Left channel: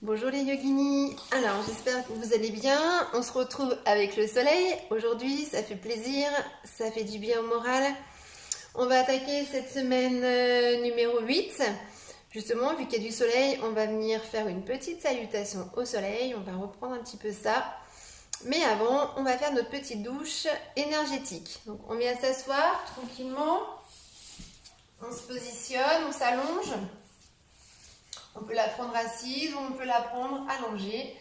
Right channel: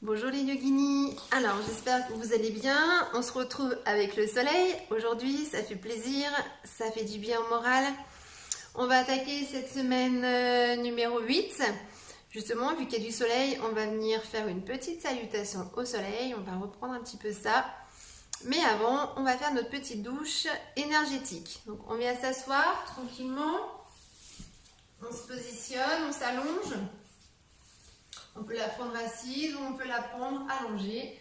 Bonjour les yoginis, alors j'espère que vous allez bien, on se retrouve avec le soleil, aujourd'hui ça fait plaisir, ça fait du bien au moral. On va attaquer cette semaine numéro 8, justement vu qu'il y a du soleil, on va venir faire une petite salutation au soleil, on va reprendre un petit peu ça. Mais avant, on va faire notre petite douche énergétique. Donc on vient s'asseoir tranquillement, on se positionne, on s'allonge. On peut la prendre assise ou on peut la prendre allongée,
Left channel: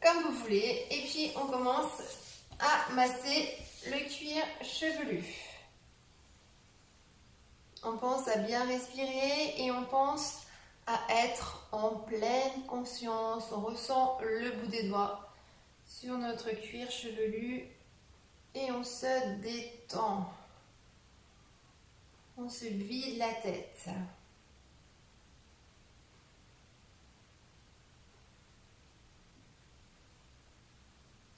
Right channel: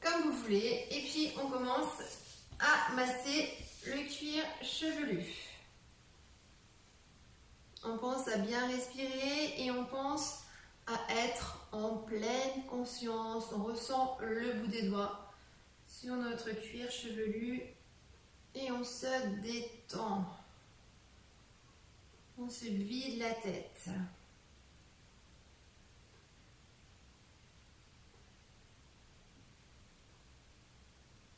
comme vous voulez. Et puis on commence à masser le cuir chevelu. On pense à bien respirer et on pense à être en pleine conscience. On ressent le bout des doigts sur notre cuir chevelu et on se détend. On se vide la tête.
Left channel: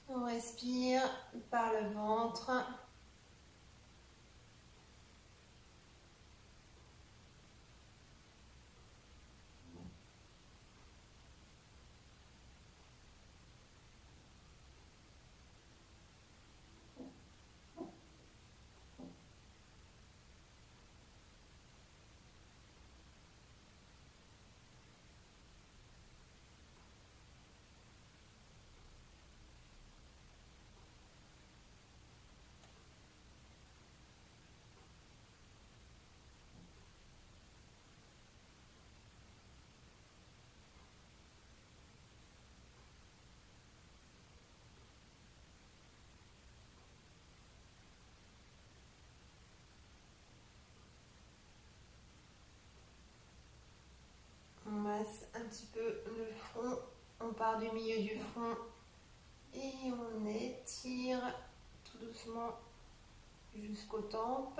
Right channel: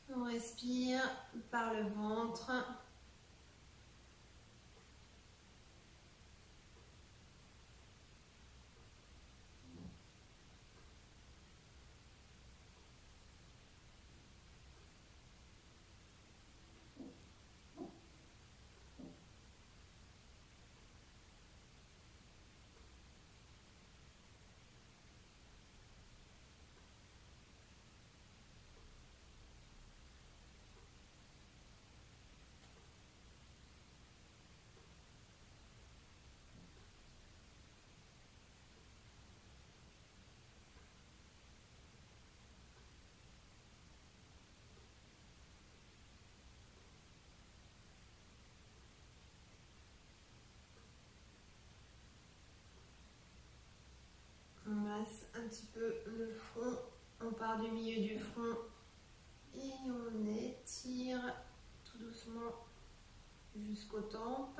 On respire par le ventre. On masse un petit peu le front, on part du milieu du front et on étire tout doucement jusqu'aux tempes.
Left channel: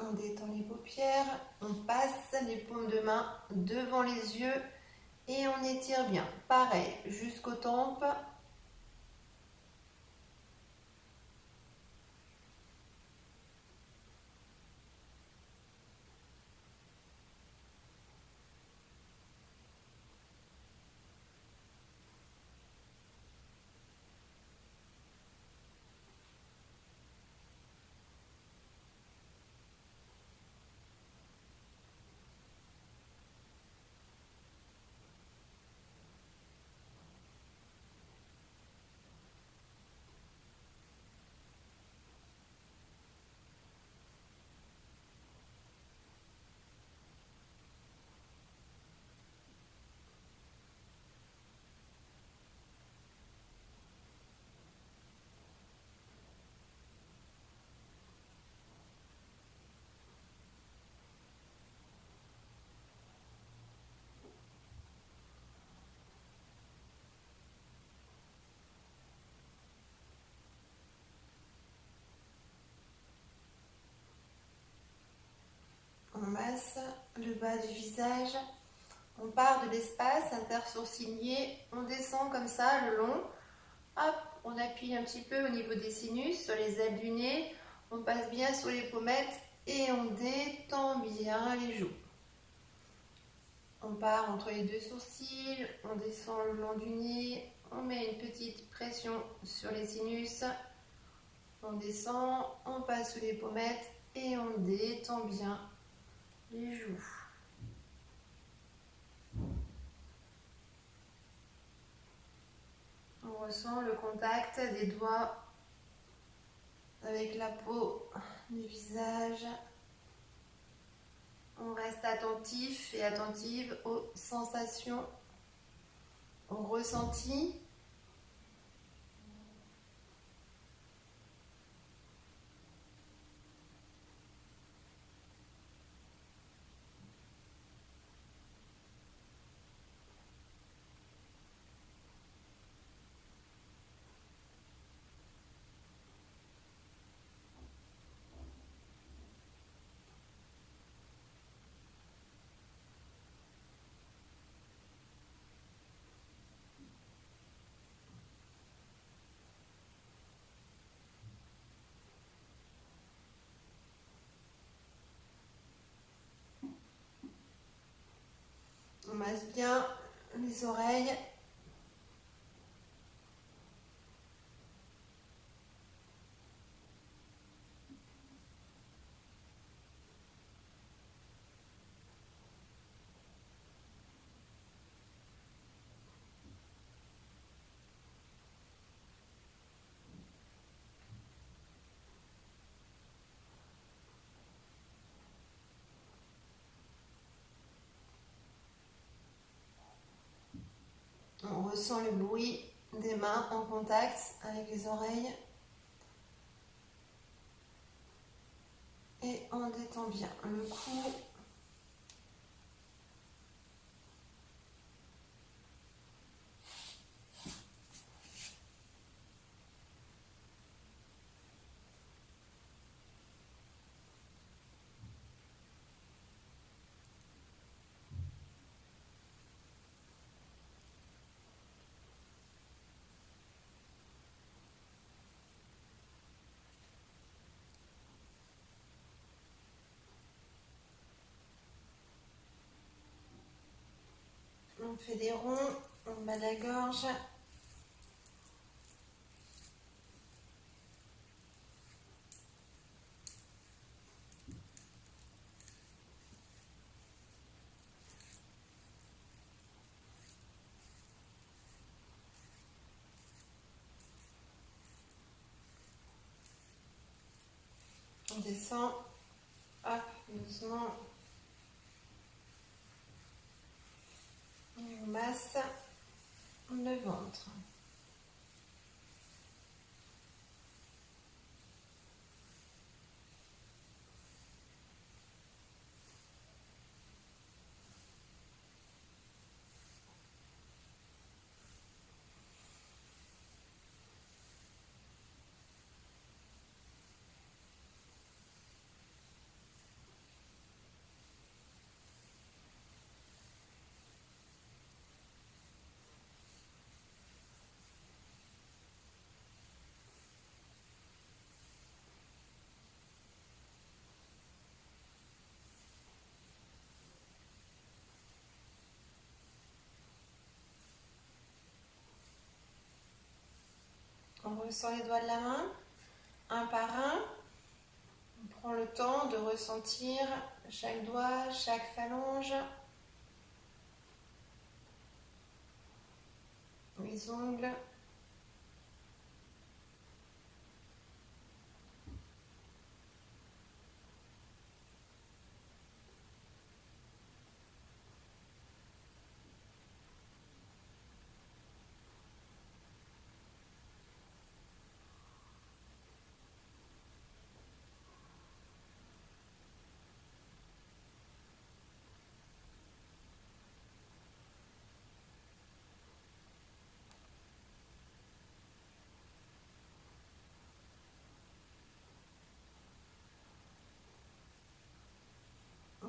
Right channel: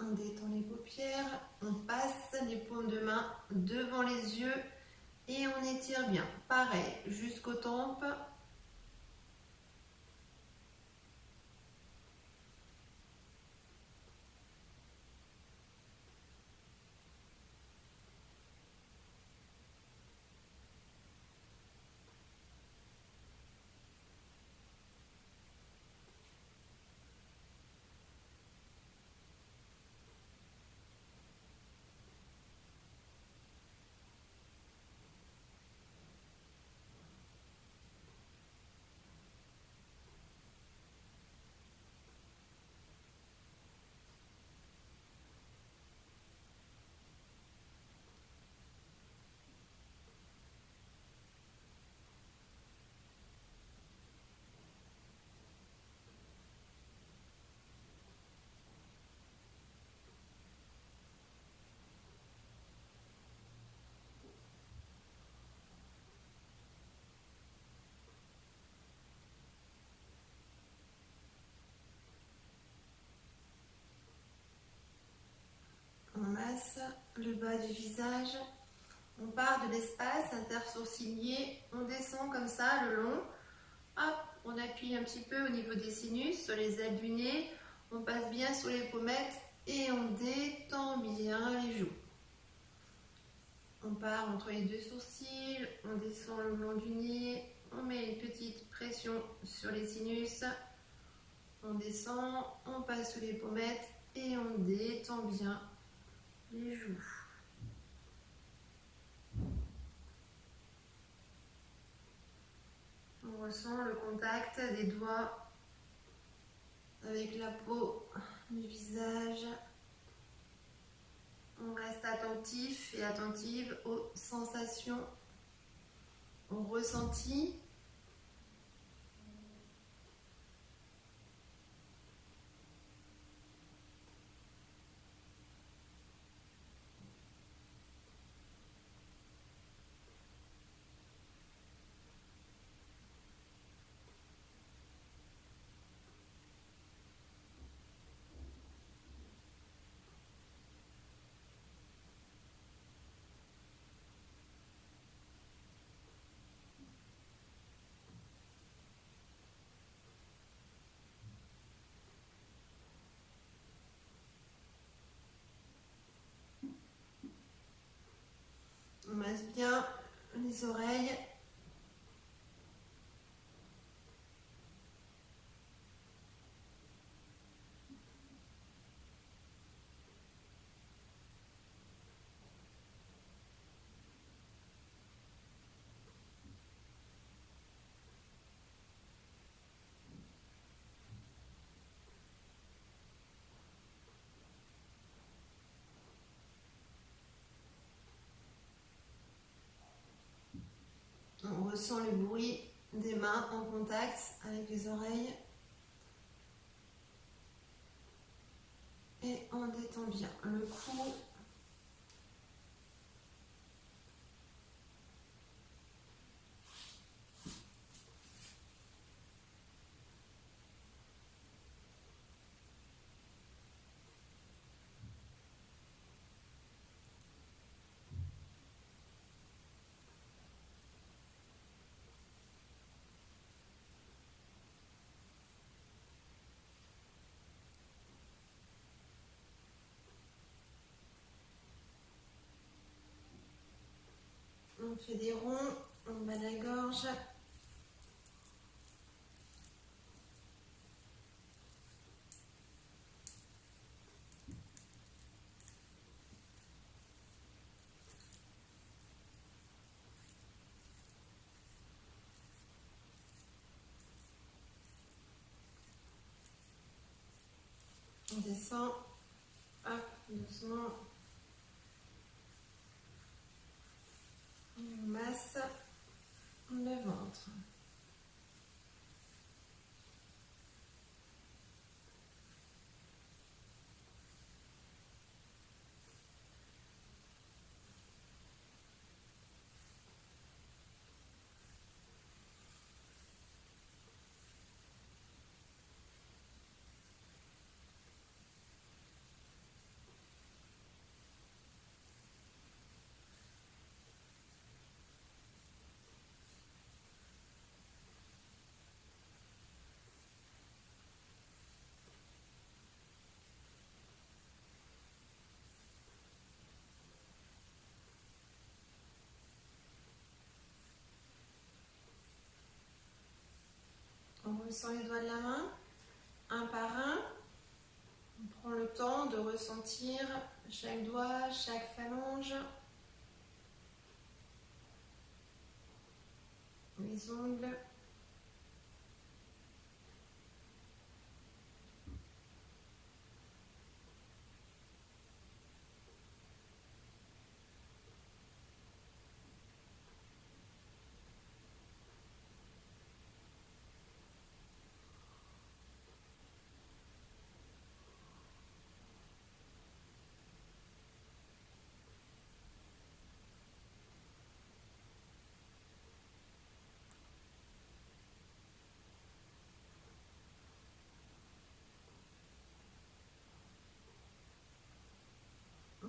On détend les paupières, on passe les paumes de main devant les yeux et on étire bien. Pareil, jusqu'aux tempes. On masse le bas du visage. On part de l'espace intersourcilier, on descend comme ça le long. Hop, on appuie un petit peu au niveau des sinus, sur les ailes du nez. On passe bien sur les pommettes et on détend bien les joues. On part entre les deux sourcils, on descend le long du nez, on met une petite pression sur les sinus. On descend, on passe sous les pommettes et on détend bien les joues. On ressent le contact des doigts avec la peau du visage. On reste à attentif et attentive aux sensations, aux ressentis. On masse bien les oreilles. On ressent le bruit des mains en contact avec les oreilles. Et on détend bien le cou. On fait des ronds en bas de la gorge. On descend, hop, doucement. Et on masse le ventre. On ressent les doigts de la main, un par un. On prend le temps de ressentir chaque doigt, chaque phalange. Les ongles.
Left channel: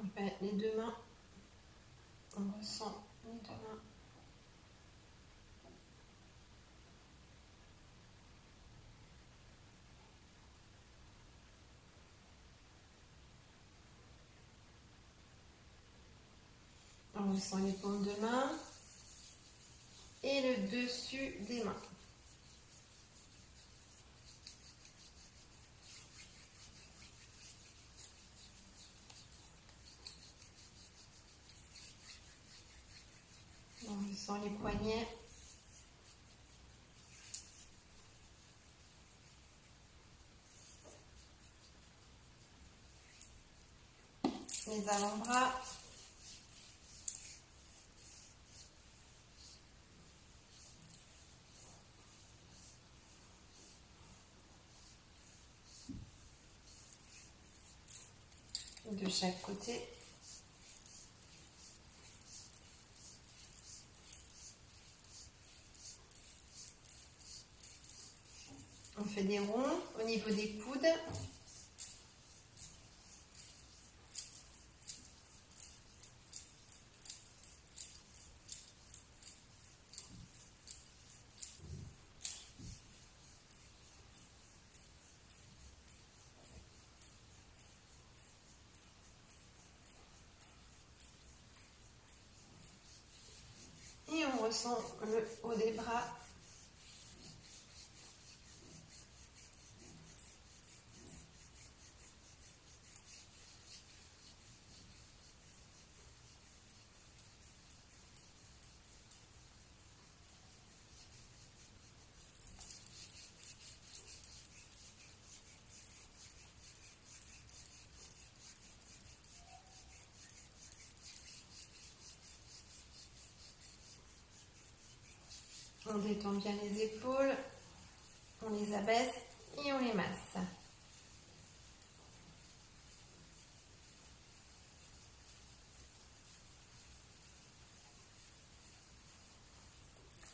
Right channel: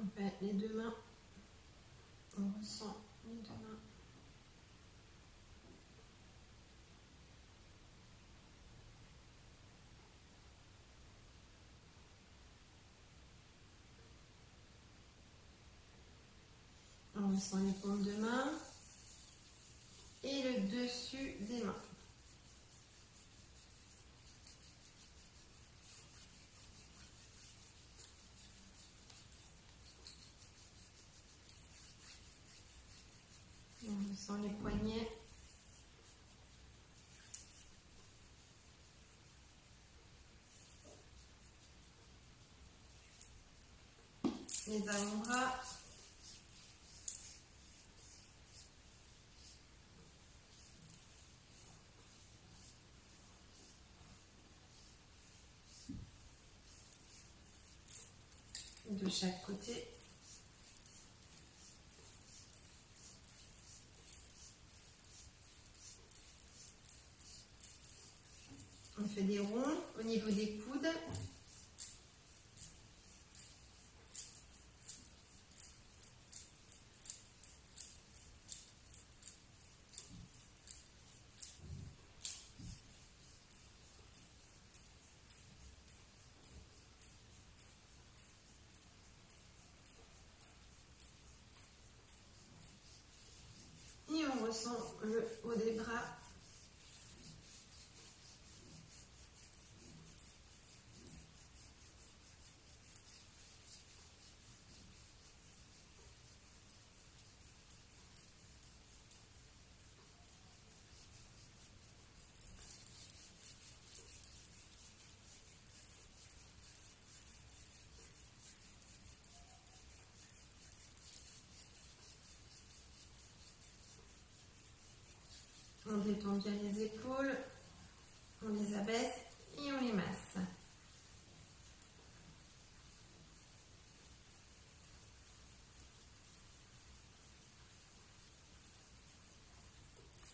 On fait les deux mains. On ressent les deux mains. On ressent les paumes de main et le dessus des mains. On ressent les poignets. Les avant-bras. de chaque côté. On fait des ronds au niveau des coudes. Et on ressent le haut des bras. On détend bien les épaules, on les abaisse et on les masse.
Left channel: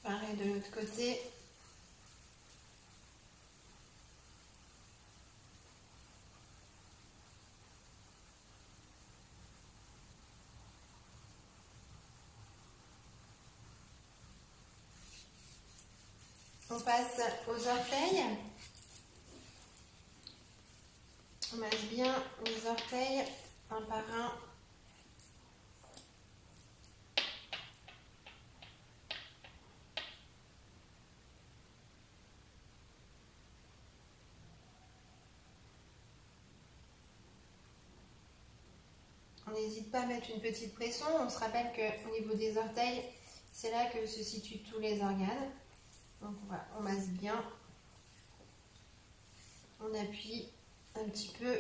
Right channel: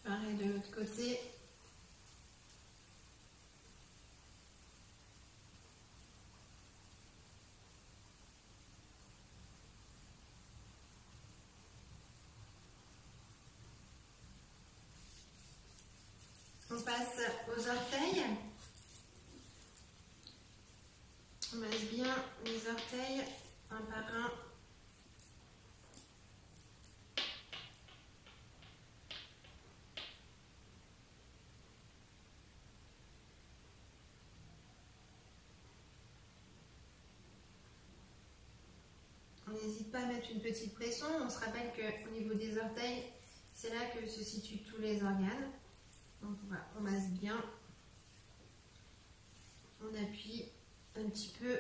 Pareil de l'autre côté. On passe aux orteils. On masse bien les orteils un par un. On n'hésite pas à mettre une petite pression. On se rappelle qu'au niveau des orteils, c'est là que se situent tous les organes. Donc voilà, on masse bien. On appuie un petit peu.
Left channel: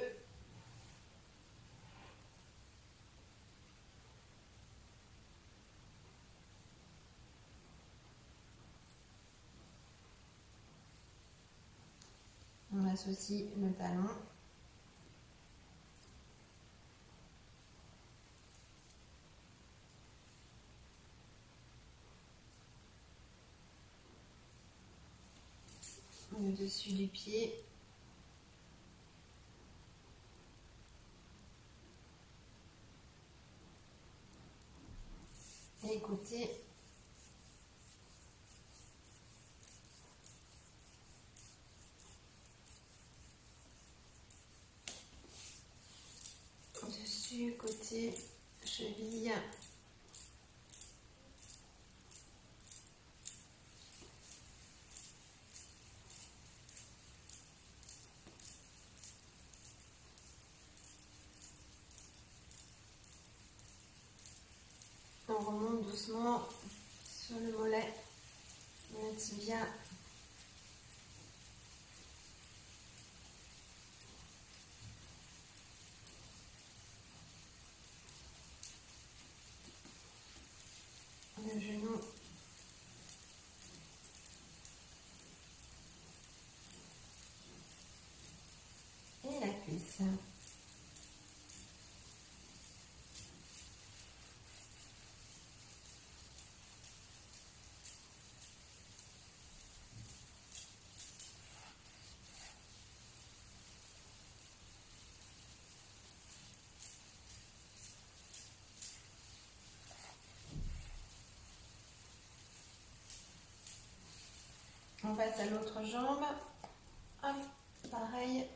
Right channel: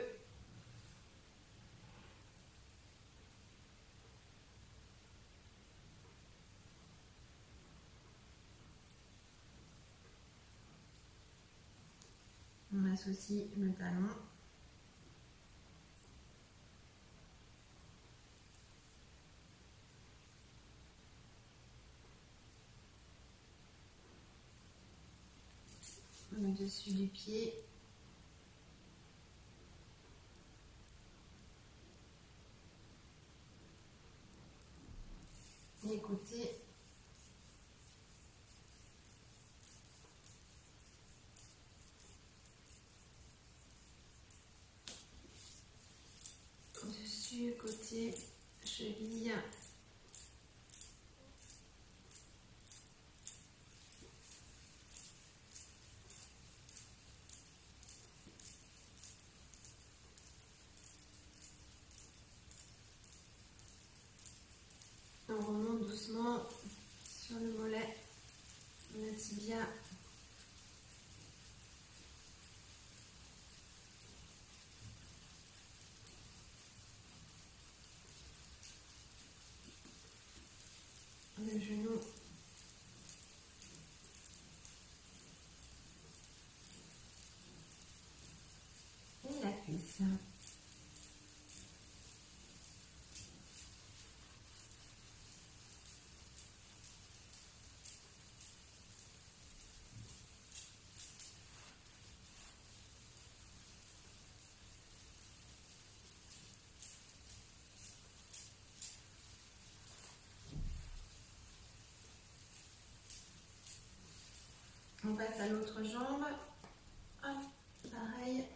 On masse aussi le talon. Le dessus du pied. Les côtés. Dessus, côté, cheville. On remonte doucement sur le mollet, la tibia. Le genou. Et la cuisse. On passe à l'autre jambe. Hop, pareil.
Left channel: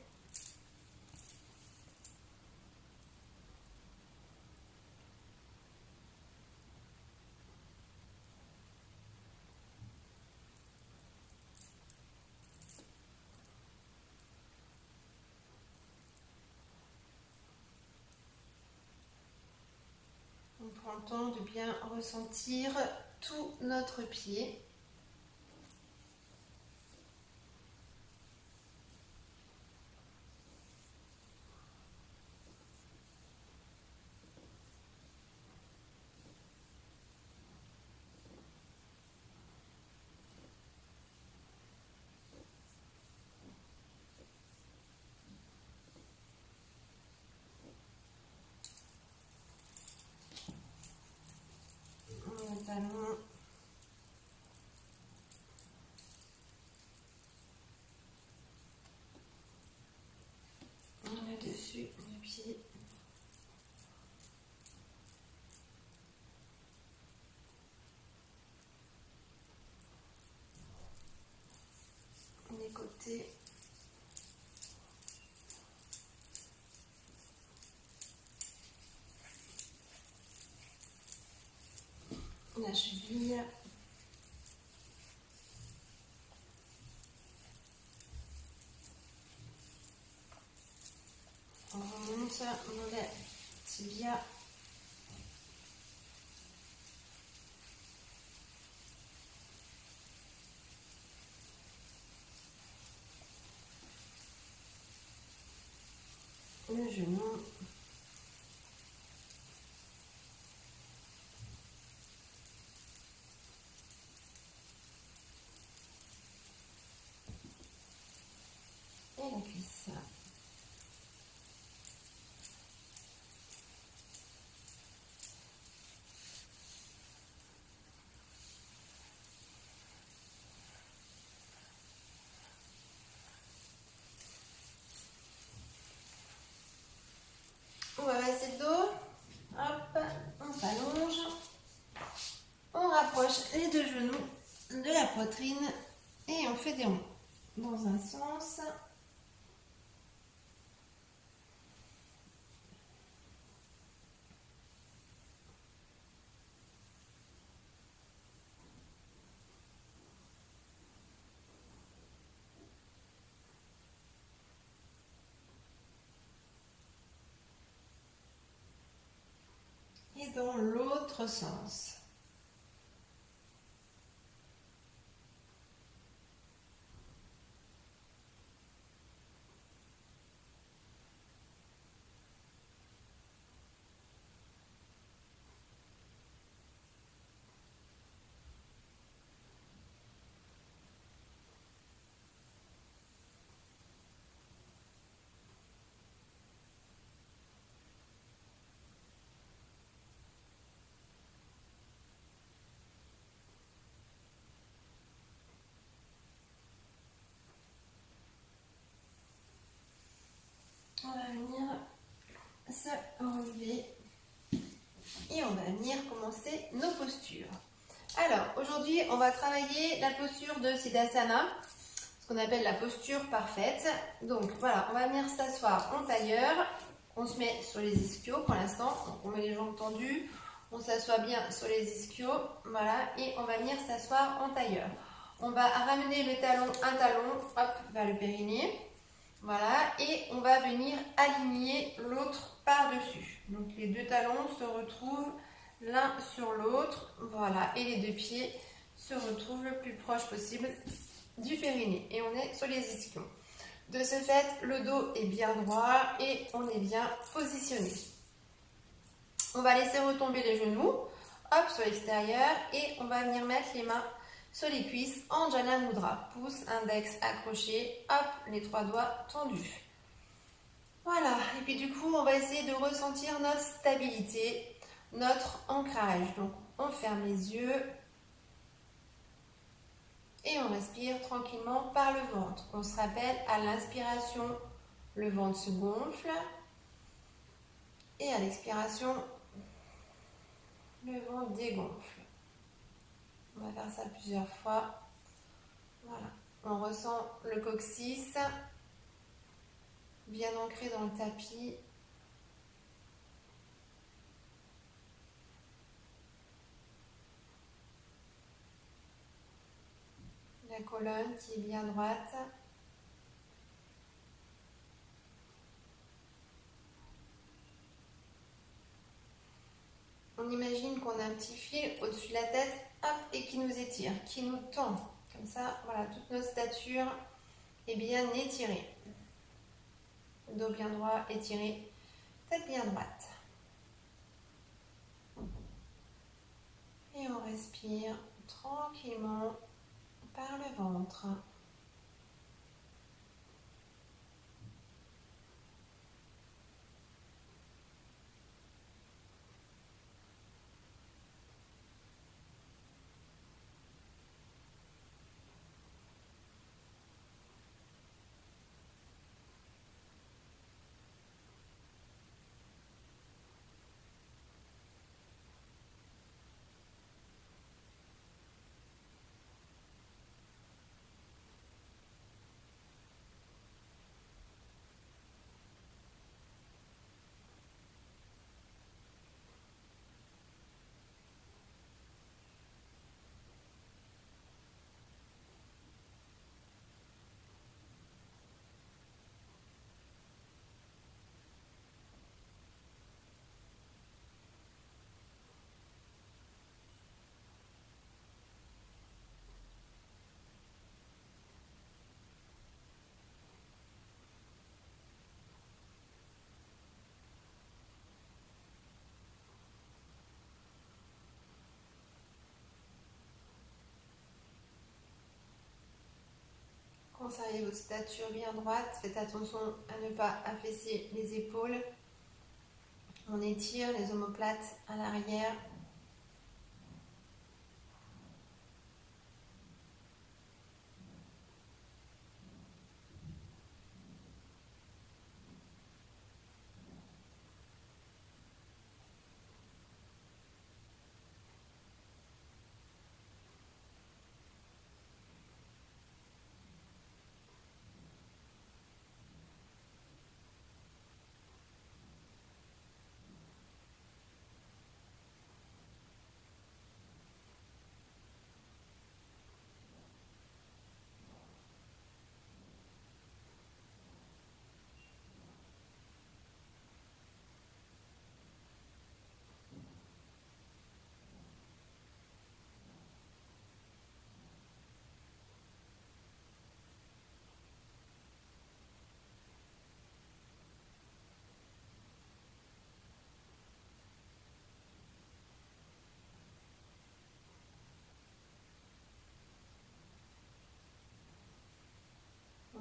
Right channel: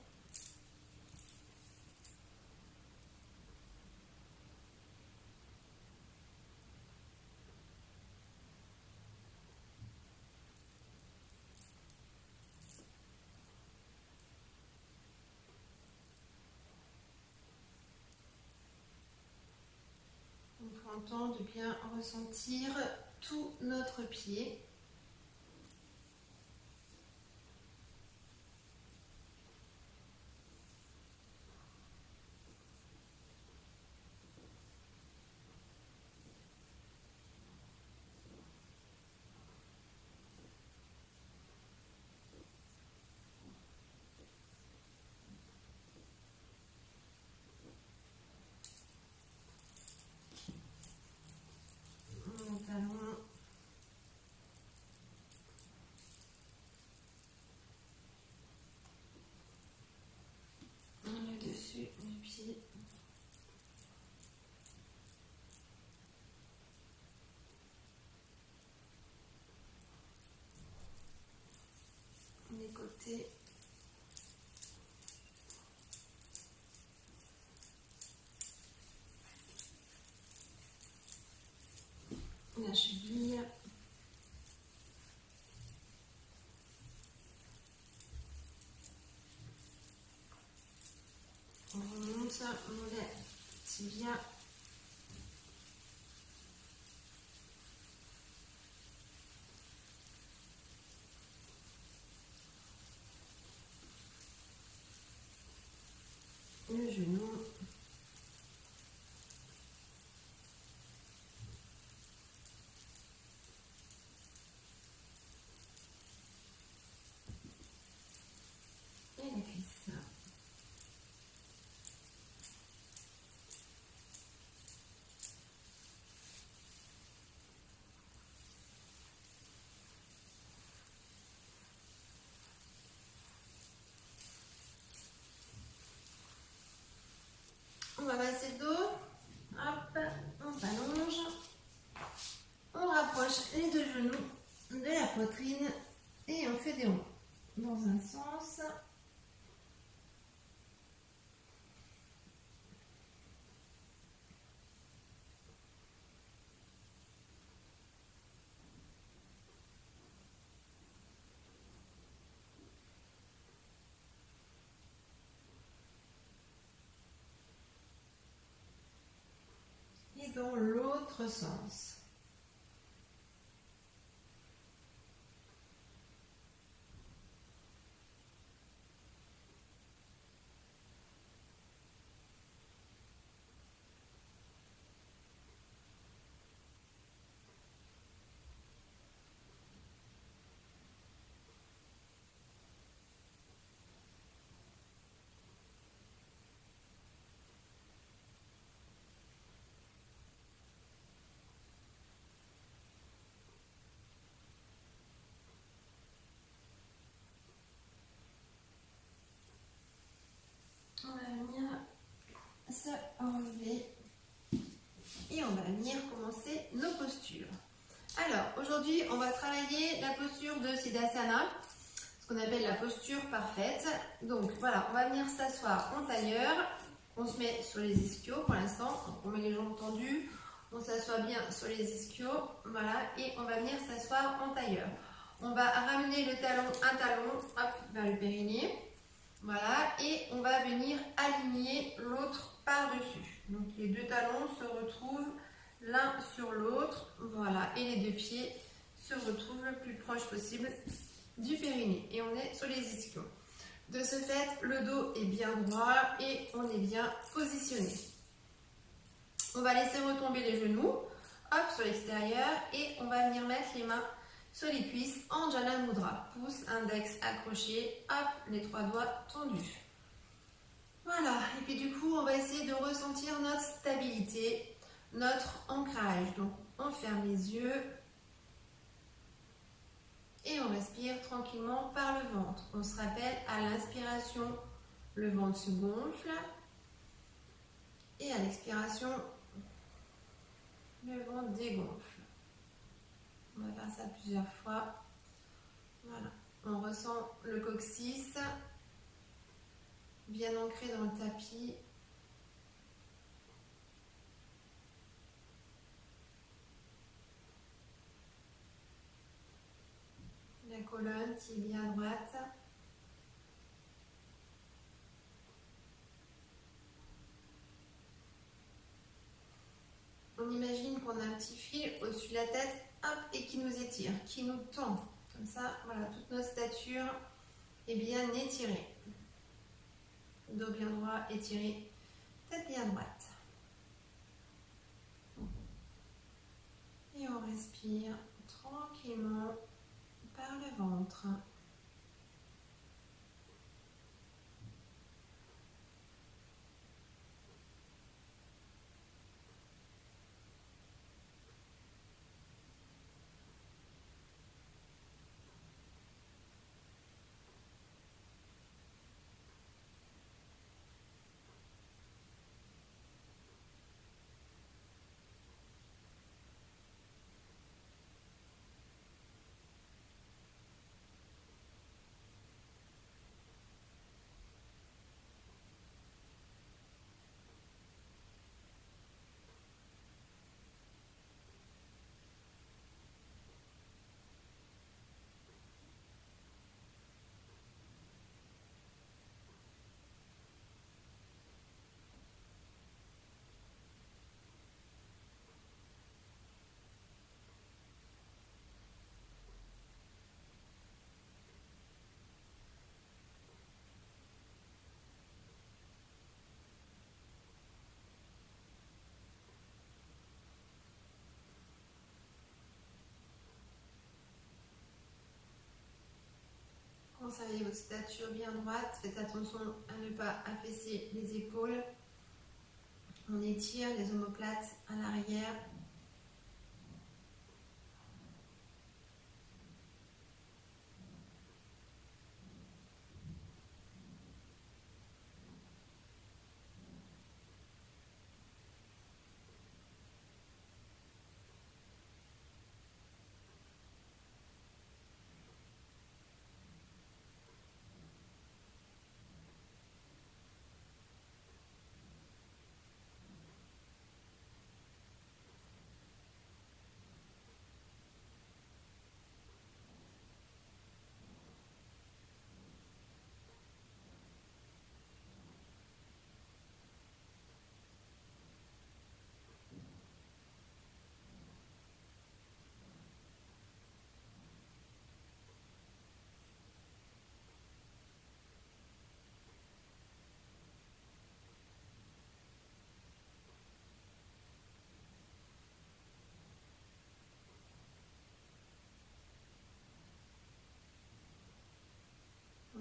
On prend le temps de bien ressentir tout notre pied. pied. Les côtés. La cheville. On remonte mauvais tibia. Le genou. Et la cuisse. On va masser le dos. Hop, on s'allonge. On rapproche les deux genoux de la poitrine et on fait des ronds dans un sens. Et dans l'autre sens. On va venir se relever et on va venir commencer nos postures. Alors aujourd'hui on va travailler la posture de Siddhasana, ce qu'on appelle la posture parfaite. Donc voilà, on va venir s'asseoir en tailleur, on se met sur les ischios pour l'instant, on met les jambes tendues, on s'assoit bien sur les ischios, voilà, et on va venir s'asseoir en tailleur. On va ramener le talon, un talon, hop, vers le périnée. Voilà, et on va venir aligner l'autre par-dessus. Donc les deux talons se retrouvent l'un sur l'autre, voilà, et les deux pieds se retrouvent le plus proche possible du périnée. Et on est sur les ischios. De ce fait, le dos est bien droit et on est bien positionné. On va laisser retomber les genoux, hop, sur l'extérieur, et on va venir mettre les mains sur les cuisses en Jana Mudra. Pouce, index accroché, hop, les trois doigts tendus. Voilà, et puis du coup, on va essayer de ressentir notre stabilité, notre ancrage. Donc, on ferme les yeux et on respire tranquillement par le ventre. On se rappelle, à l'inspiration, le ventre se gonfle et à l'expiration, le ventre dégonfle. On va faire ça plusieurs fois. Voilà. On ressent le coccyx bien ancré dans le tapis. La colonne qui est bien droite. On imagine qu'on a un petit fil au-dessus de la tête, hop, et qui nous étire, qui nous tend. Comme ça, voilà, toute notre stature est bien étirée. Dos bien droit, étiré, tête bien droite. Et on respire tranquillement par le ventre. Conservez votre stature bien droite. Faites attention à ne pas affaisser les épaules. On étire les omoplates à l'arrière.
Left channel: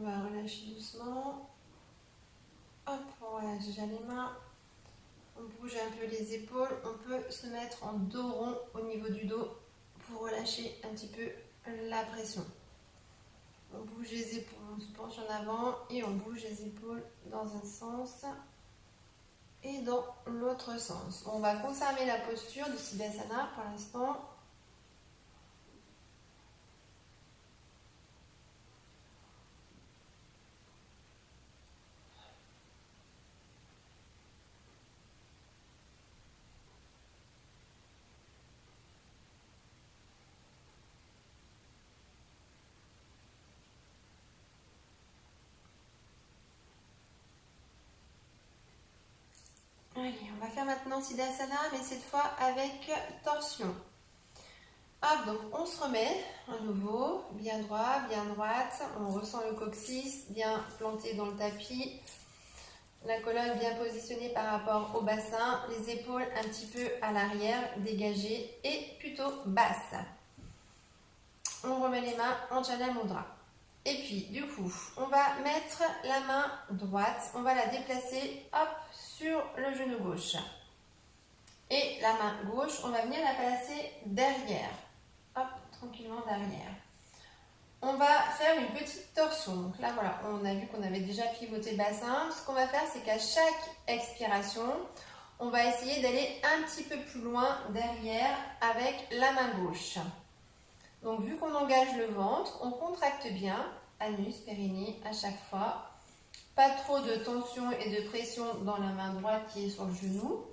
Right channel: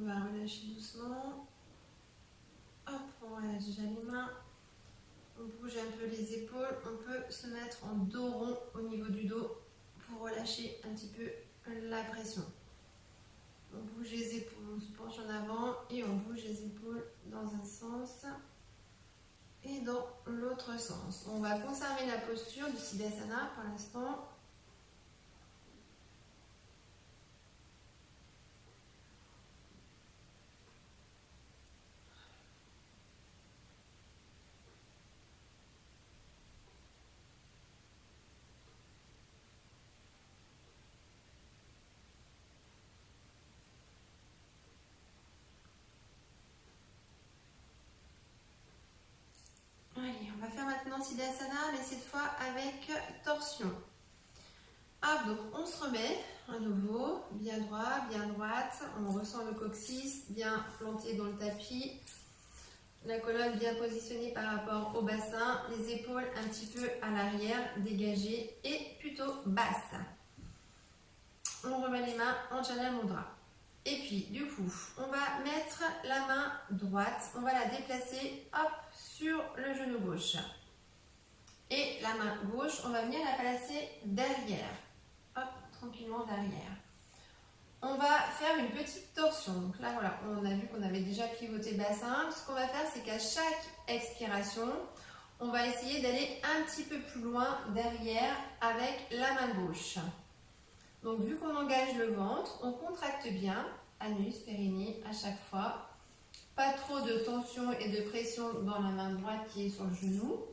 On va relâcher doucement. Hop, on relâche déjà les mains. On bouge un peu les épaules. On peut se mettre en dos rond au niveau du dos pour relâcher un petit peu la pression. On bouge les épaules, on se penche en avant et on bouge les épaules dans un sens et dans l'autre sens. On va conserver la posture du Siddhasana pour l'instant. Allez, on va faire maintenant Siddhasana, mais cette fois avec torsion. Hop, donc on se remet à nouveau, bien droit, bien droite. On ressent le coccyx bien planté dans le tapis. La colonne bien positionnée par rapport au bassin. Les épaules un petit peu à l'arrière, dégagées et plutôt basses. On remet les mains en Jana Mudra. Et puis, du coup, on va mettre la main droite. On va la déplacer, hop, sur le genou gauche. Et la main gauche, on va venir la placer derrière. Hop, tranquillement derrière. On va faire une petite torsion. Donc là, voilà, on a vu qu'on avait déjà pivoté le bassin. Ce qu'on va faire, c'est qu'à chaque expiration, on va essayer d'aller un petit peu plus loin derrière avec la main gauche. Donc, vu qu'on engage le ventre, on contracte bien, anus, périnée à chaque fois. Pas trop de tension et de pression dans la main droite qui est sur le genou.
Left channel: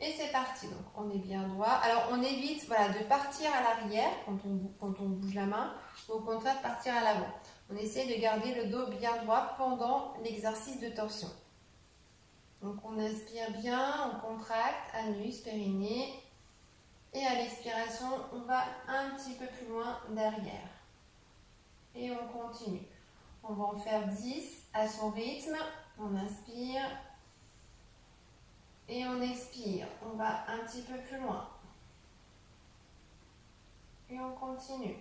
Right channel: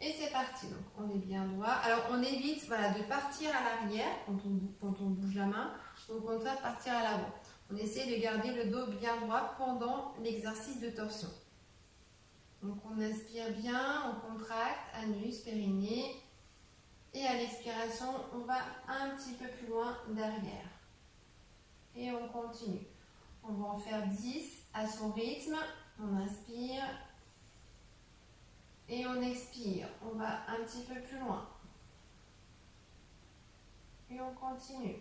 Et c'est parti, donc on est bien droit. Alors on évite voilà, de partir à l'arrière quand on bouge la main, ou au contraire de partir à l'avant. On essaie de garder le dos bien droit pendant l'exercice de torsion. Donc on inspire bien, on contracte, anus, périnée. Et à l'expiration, on va un petit peu plus loin derrière. Et on continue. On va en faire 10 à son rythme. On inspire. Et on expire, on va un petit peu plus loin. Et on continue.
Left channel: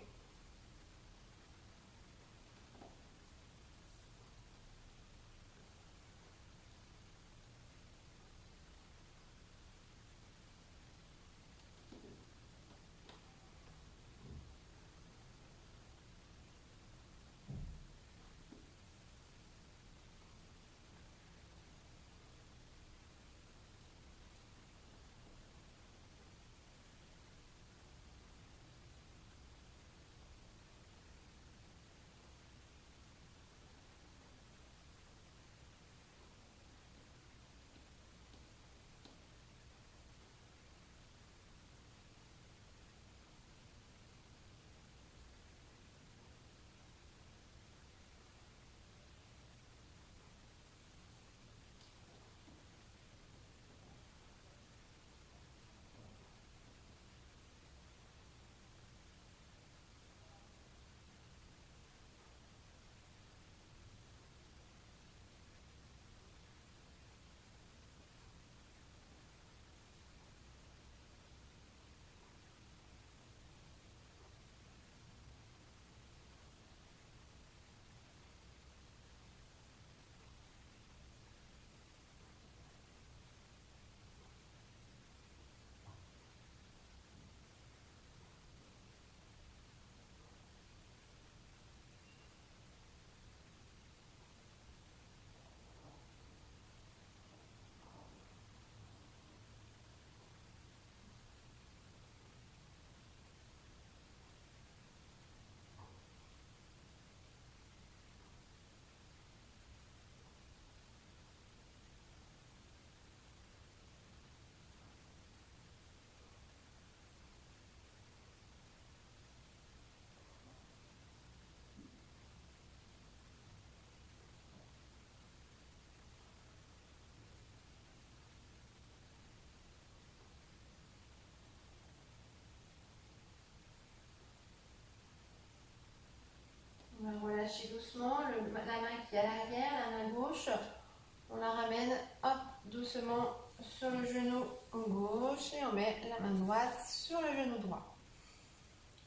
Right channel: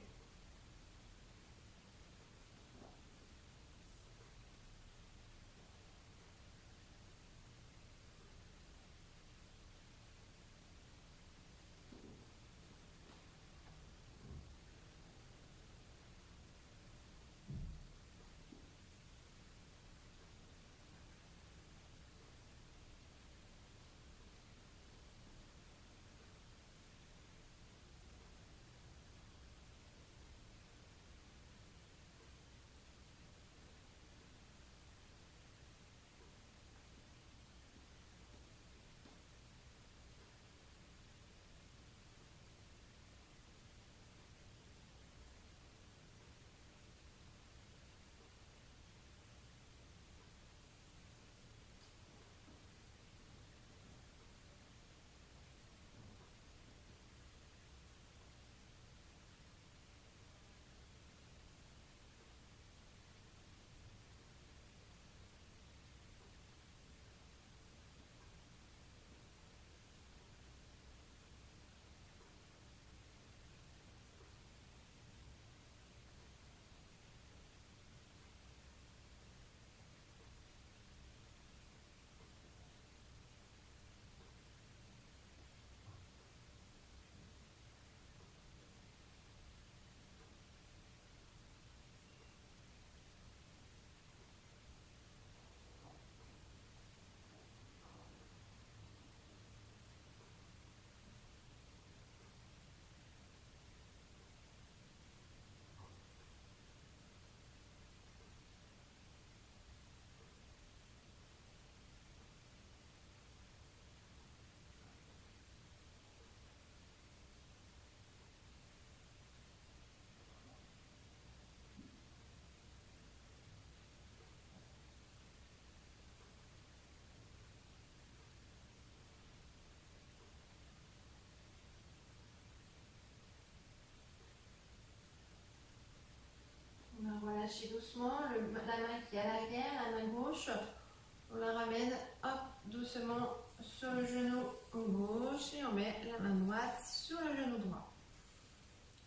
doucement sur le genou gauche et on met la main droite sur le genou droit.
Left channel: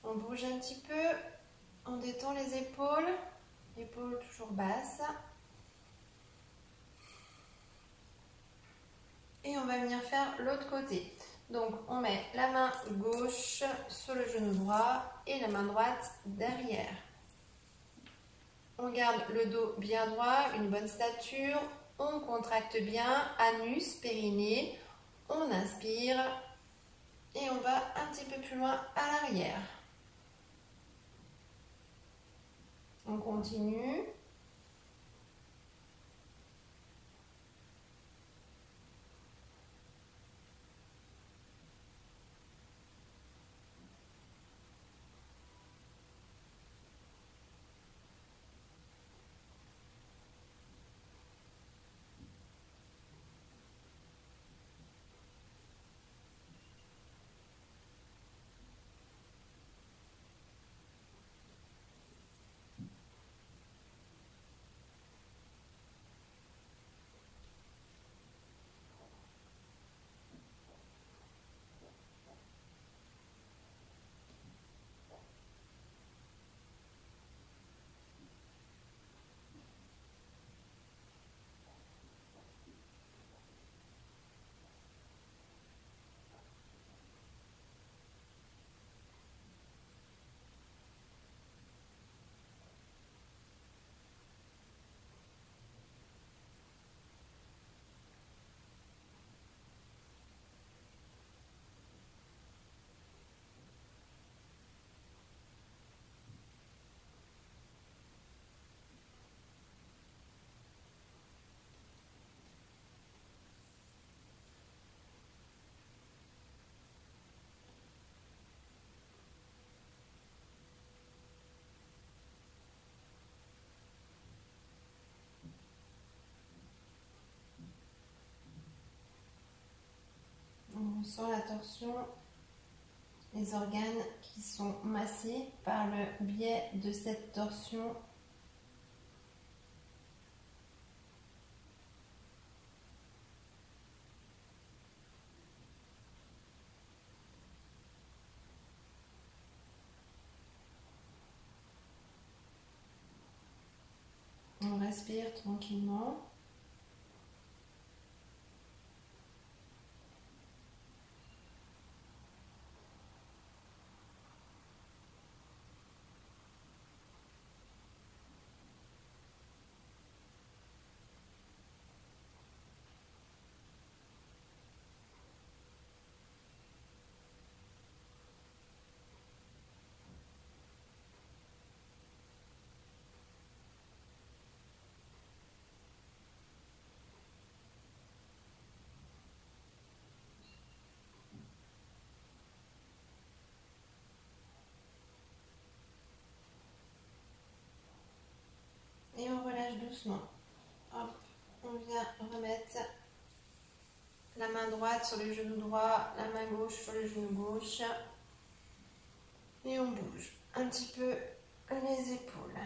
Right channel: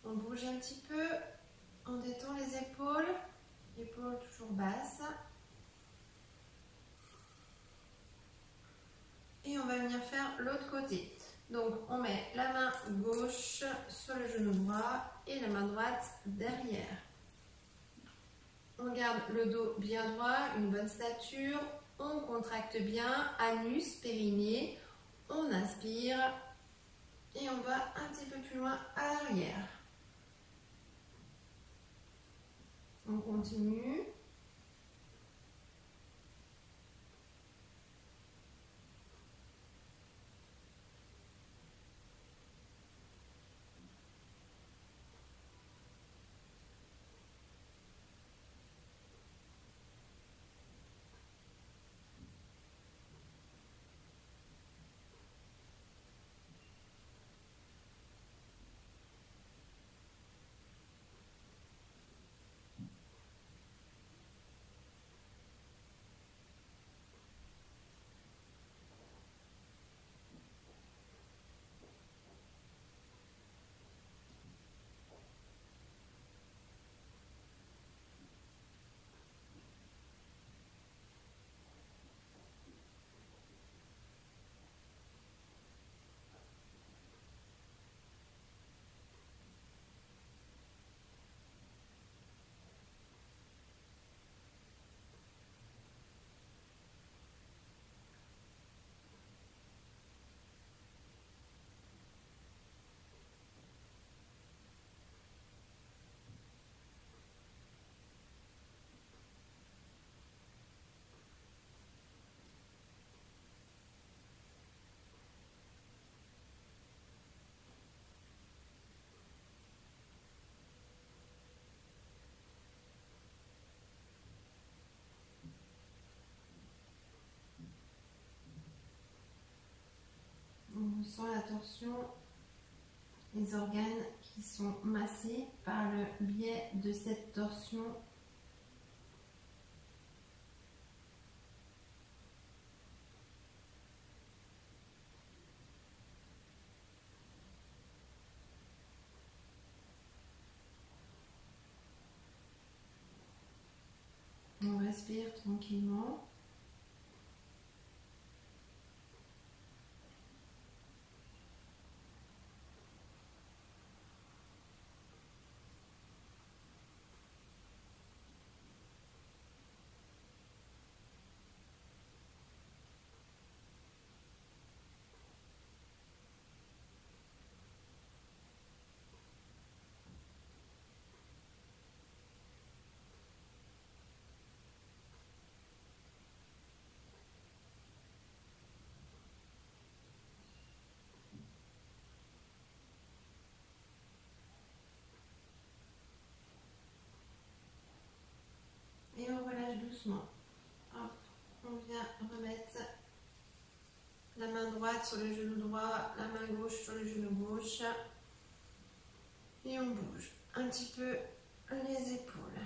On bouge un petit peu, on détend les épaules toujours basses. Et on va venir faire l'autre côté. Donc on met la main gauche sur le genou droit et la main droite derrière. On garde le dos bien droit, une bonne stature. On contracte bien, anus, périnée. On inspire et on va un petit peu plus loin à l'arrière. On continue. On ressent la torsion, les organes qui sont massés par le biais de cette torsion. On respire tranquillement. Et on relâche doucement. Hop, on vient remettre la main droite sur le genou droit, la main gauche sur le genou gauche. Et on bouge un petit peu les épaules.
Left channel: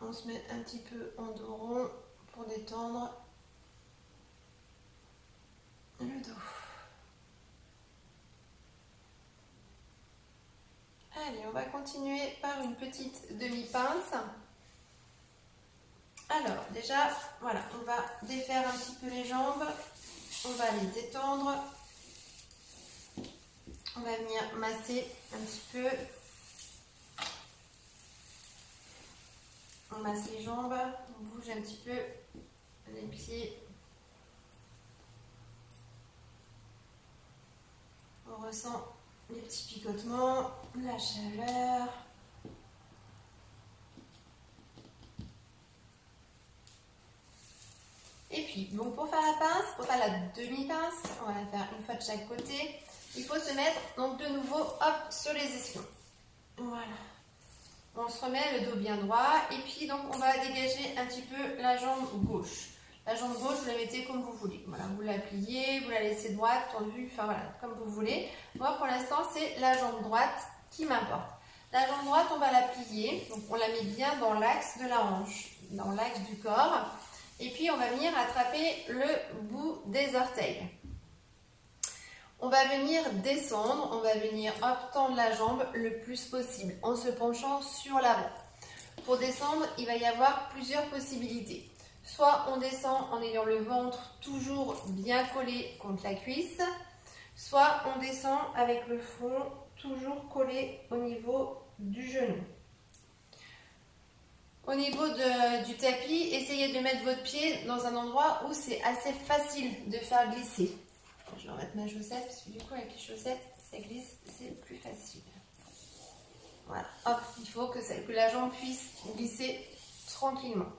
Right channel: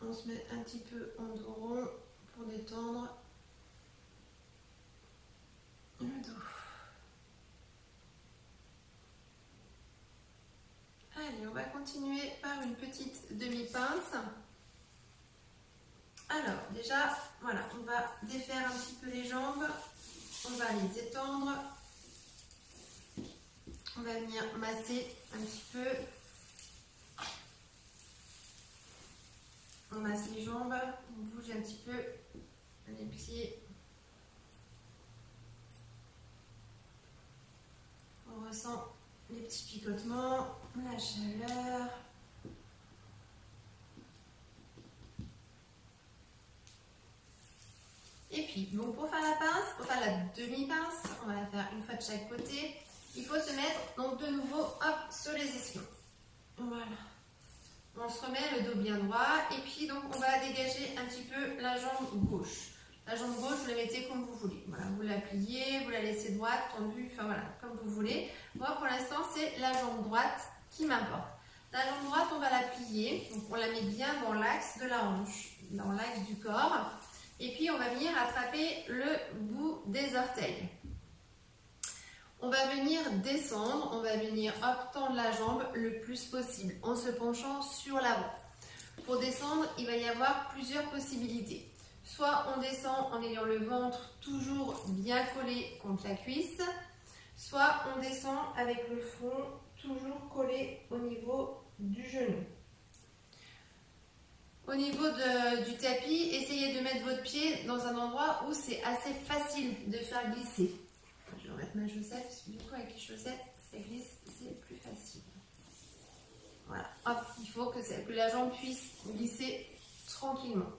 On se met un petit peu en dos rond pour détendre le dos. Allez, on va continuer par une petite demi-pince. Alors, déjà, voilà, on va défaire un petit peu les jambes. On va les étendre. On va venir masser un petit peu. On masse les jambes, on bouge un petit peu les pieds. On ressent les petits picotements, la chaleur. Et puis, donc pour faire la pince, pour faire la demi-pince, on va la faire une fois de chaque côté. Il faut se mettre donc de nouveau hop sur les ischions. Voilà. On se remet le dos bien droit et puis donc on va dégager un petit peu la jambe gauche. La jambe gauche, vous la mettez comme vous voulez. Voilà, vous la pliez, vous la laissez droite, tendue, enfin voilà, comme vous voulez. Moi, pour l'instant, c'est la jambe droite qui m'importe. La jambe droite, on va la plier. Donc, on la met bien dans l'axe de la hanche, dans l'axe du corps. Et puis, on va venir attraper le bout des orteils. On va venir descendre, on va venir tendre la jambe le plus possible en se penchant sur l'avant. Pour descendre, il va y avoir plusieurs possibilités. Soit on descend en ayant le ventre toujours bien collé contre la cuisse, soit on descend avec le front toujours collé au niveau du genou. Au niveau du tapis, essayez de mettre votre pied dans un endroit où c'est assez facile de faire glisser. Je vais remettre ma chaussette parce que du coup avec les chaussettes, ça glisse, c'est plus facile. Voilà, hop, il faut que la jambe puisse glisser tranquillement.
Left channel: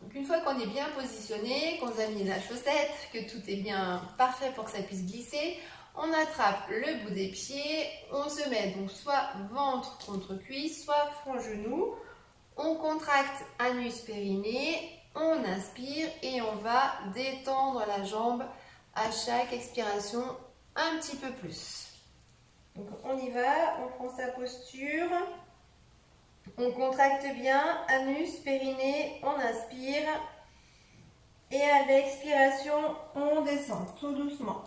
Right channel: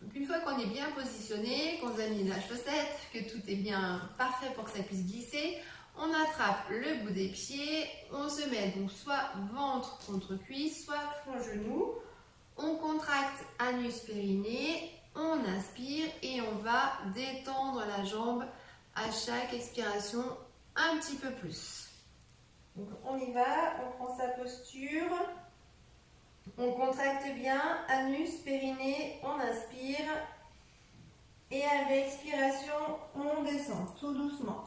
Donc une fois qu'on est bien positionné, qu'on a mis la chaussette, que tout est bien parfait pour que ça puisse glisser, on attrape le bout des pieds, on se met donc soit ventre contre cuisse, soit front genou, on contracte anus périnée, on inspire et on va détendre la jambe à chaque expiration un petit peu plus. Donc on y va, on prend sa posture. On contracte bien, anus, périnée, on inspire. Et à l'expiration, on descend tout doucement.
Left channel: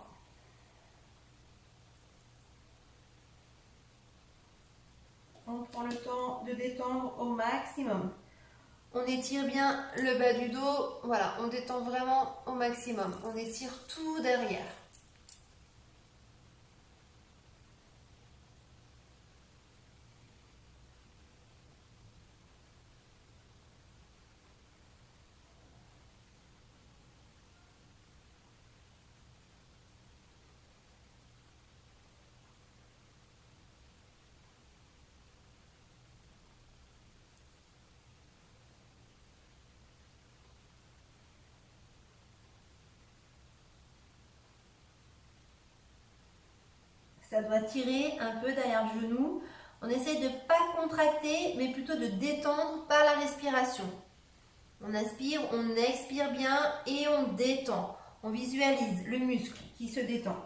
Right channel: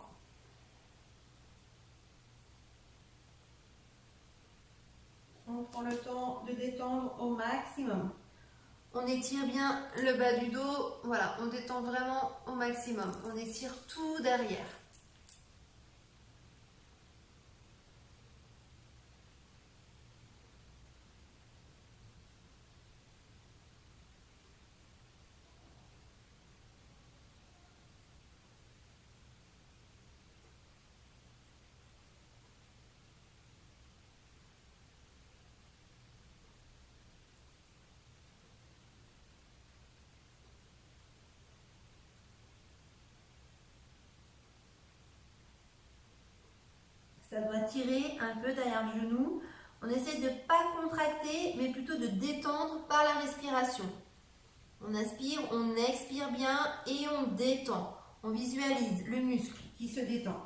On prend le temps de détendre au maximum. On étire bien le bas du dos. Voilà, on détend vraiment au maximum. On étire tout derrière. Ça doit tirer un peu derrière le genou. On essaie de ne pas contracter, mais plutôt de détendre par la respiration. On inspire, on expire bien et on détend. On visualise le muscle qui se détend.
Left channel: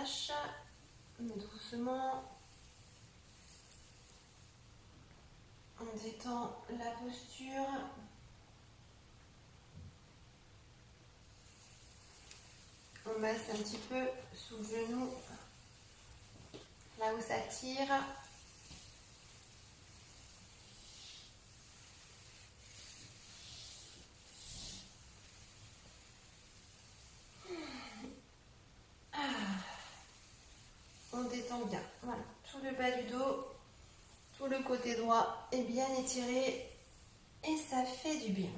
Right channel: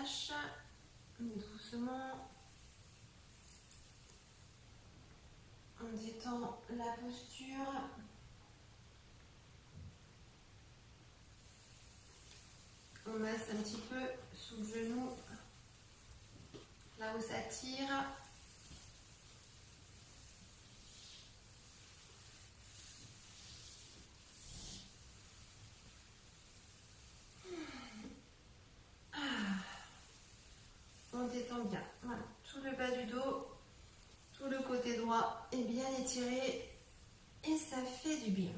relâche doucement. On détend la posture. On masse un petit peu sous le genou, là où ça tire. On détend bien. Voilà. Tout le bas du dos, tout le côté droit est bien étiré et ça fait du bien.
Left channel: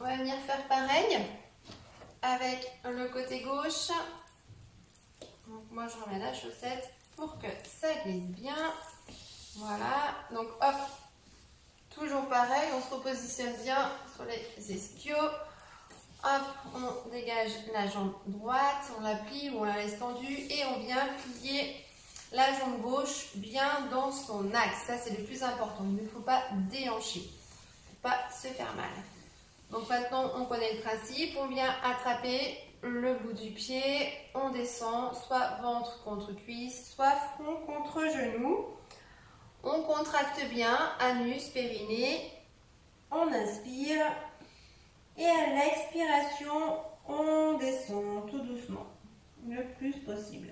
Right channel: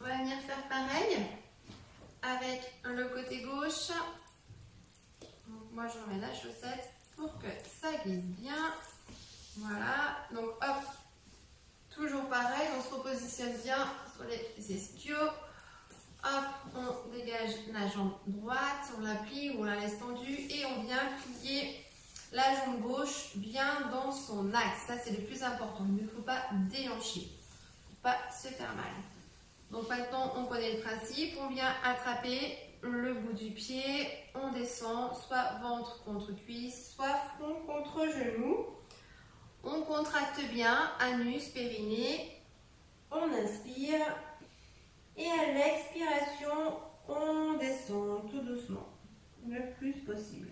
On va venir faire pareil avec le côté gauche. Donc moi je remets la chaussette pour que ça glisse bien. Voilà, donc hop, toujours pareil, on se repositionne bien sur les ischios. Hop, on dégage la jambe droite, on la plie ou on la laisse tendue et on vient plier la jambe gauche bien dans son axe. Ça c'est le plus important, il ne faut pas déhancher, il ne faut pas se faire mal. Donc maintenant on connaît le principe, on vient attraper le bout du pied, on descend, soit ventre contre cuisse, soit front contre genou. On contracte bien, anus, périnée, on inspire et à l'expiration, on descend tout doucement, le plus possible.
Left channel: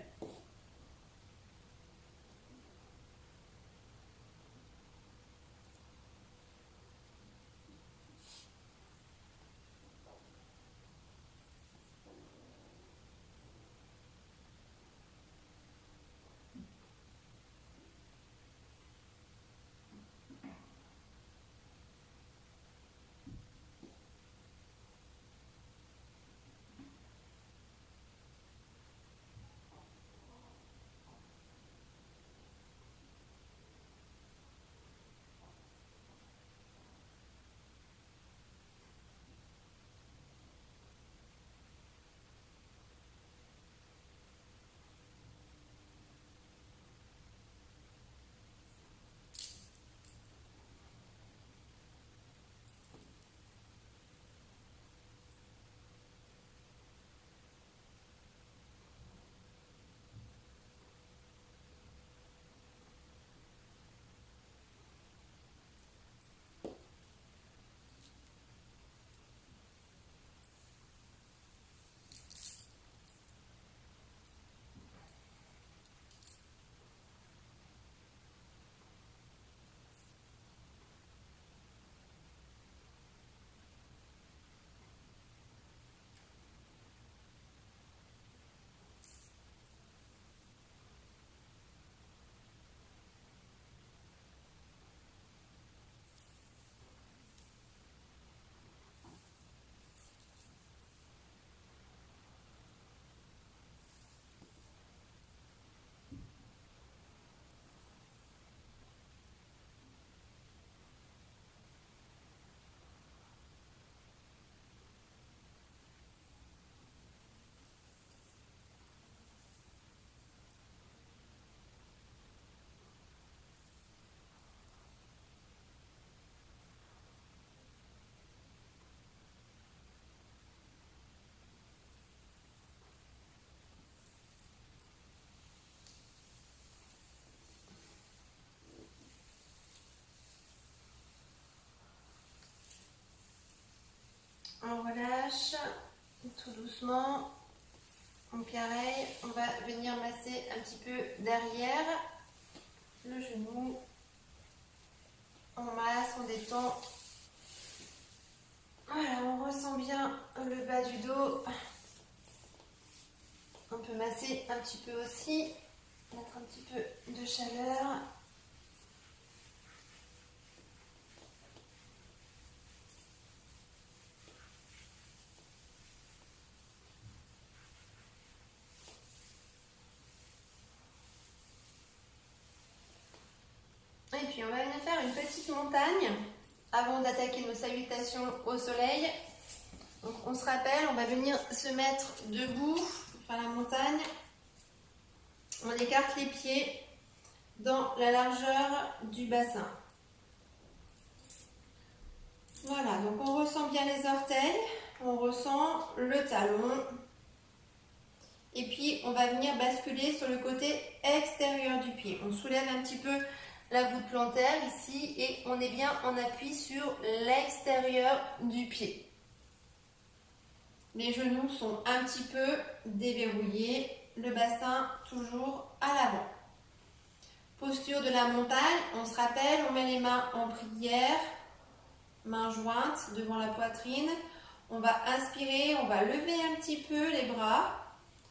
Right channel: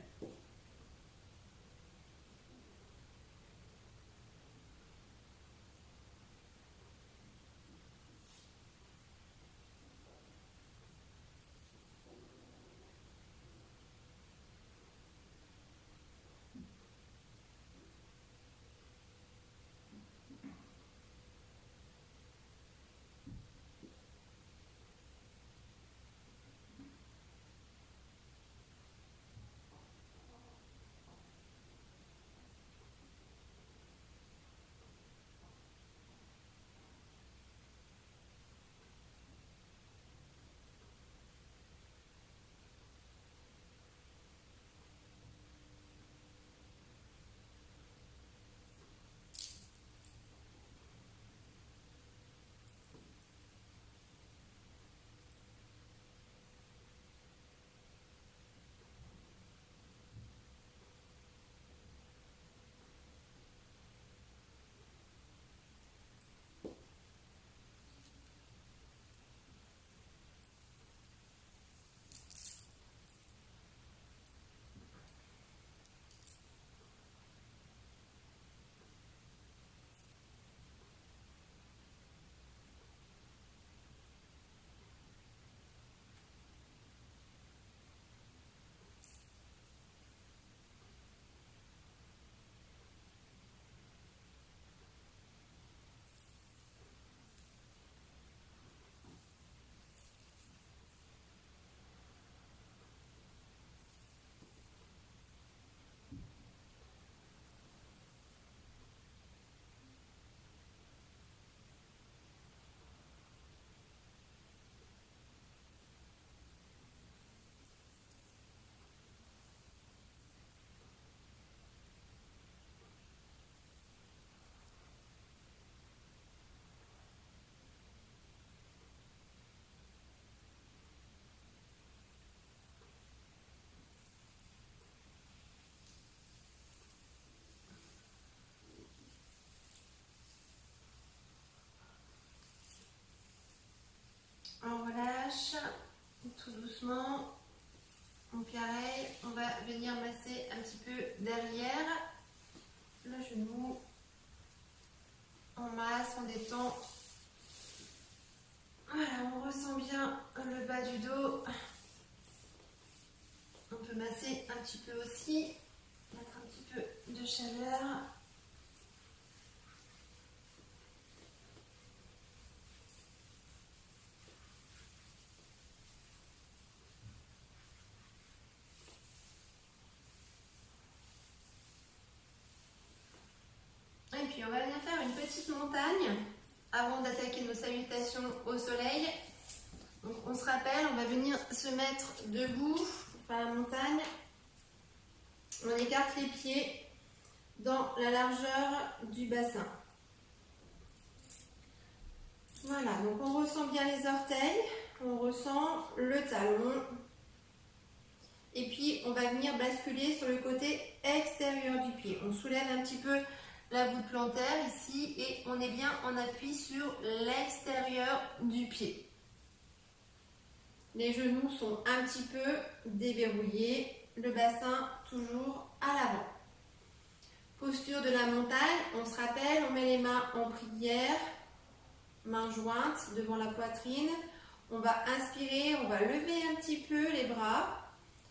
On relâche tout doucement. Donc pareil, on va venir masser un petit peu derrière le genou. On masse, on détend. Voilà, on ressent bien le bas du dos. On peut masser un petit peu aussi, mettre un petit peu de chaleur. Et puis on va venir faire une petite montagne avant d'attaquer nos salutations au soleil. Donc on se rappelle, on va venir se mettre debout pour faire la montagne. On écarte les pieds dans la largeur du bassin. Voilà, donc on ressent bien les orteils. on ressent le talon. Et puis, on va venir basculer sur le côté extérieur du pied. On soulève un petit peu la voûte plantaire ici et on est bien en appui sur l'extérieur du pied. Les genoux sont un petit peu déverrouillés, le bassin toujours à l'avant. Posture de la montagne, on se rappelle, on met les mains en prière, mains jointes devant la poitrine. On va inspirer, on va lever un petit peu les bras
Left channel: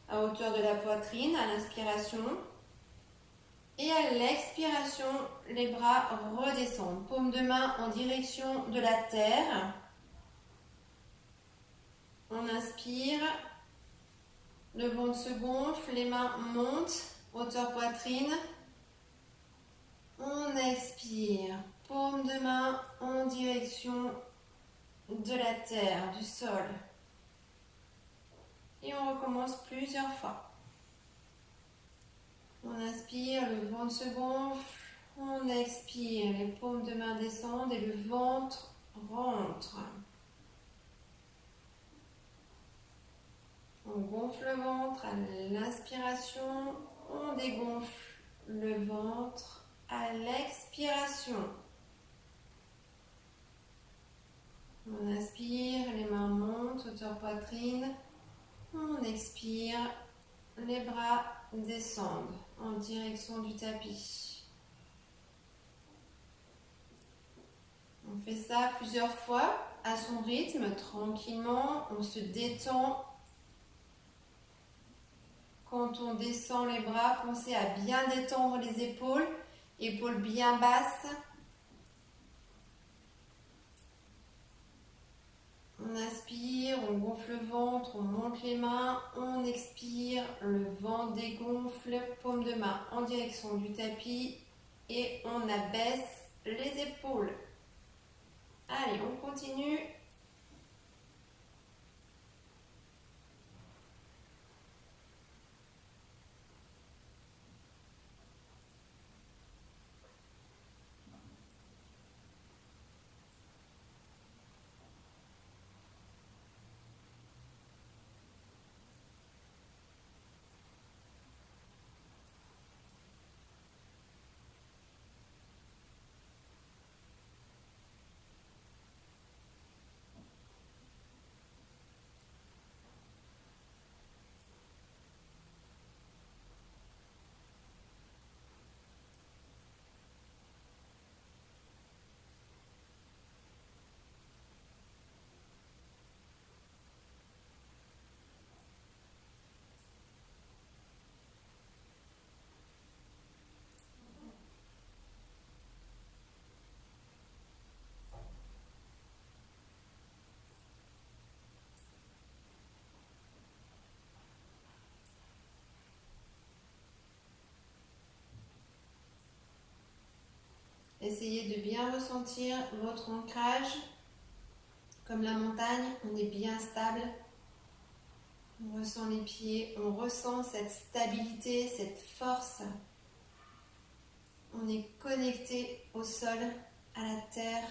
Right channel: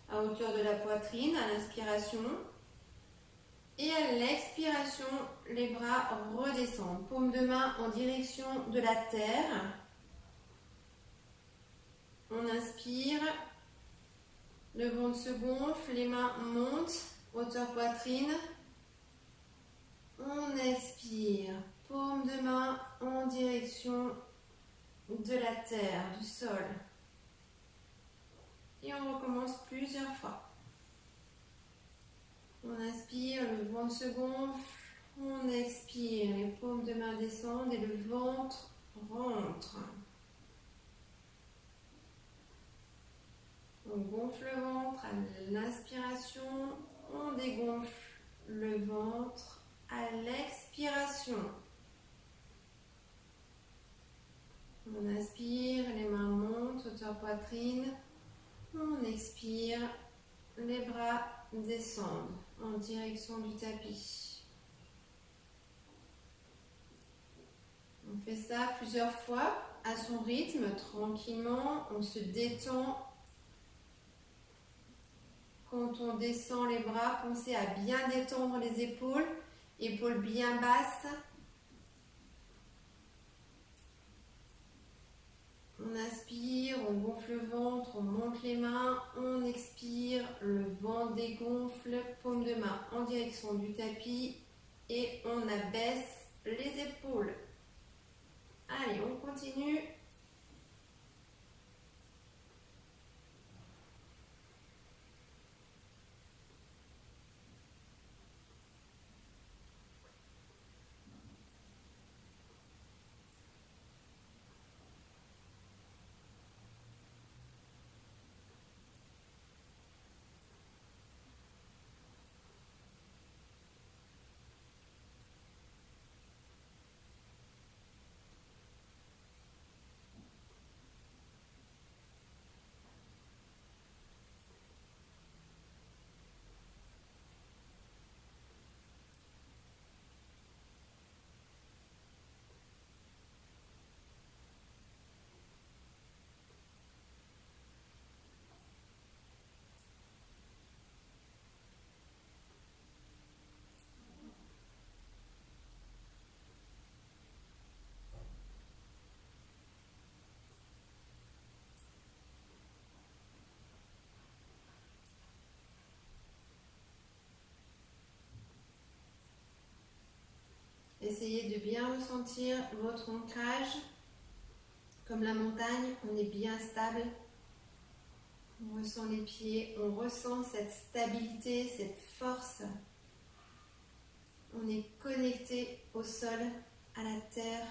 à hauteur de la poitrine à l'inspiration. Et à l'expiration, les bras redescendent. Paume de main en direction de la terre. On inspire. Le ventre se gonfle, les mains montent, hauteur poitrine. On expire. Paume de main en direction de la terre, du sol. Et on recommence plusieurs fois. On inspire, le ventre se gonfle. On expire, les paumes de main descendent et le ventre rentre. On gonfle le ventre à l'inspiration. On dégonfle le ventre à l'expiration. On inspire, les mains montent, hauteur poitrine. On expire, les bras descendent en direction du tapis. On fait ça plusieurs fois à son rythme, tranquillement. On se détend. Quand on descend les bras, pensez à bien détendre les épaules. Épaules bien basses. On inspire, on gonfle le ventre, on monte les mains, on expire, le ventre dégonfle, paume de main en direction du tapis et on abaisse les épaules. Allez, on continue. Essayez de bien ressentir votre ancrage. Comme la montagne, on est bien stable. On ressent les pieds, on ressent cette stabilité, cette force. On est connecté au sol, à la terre.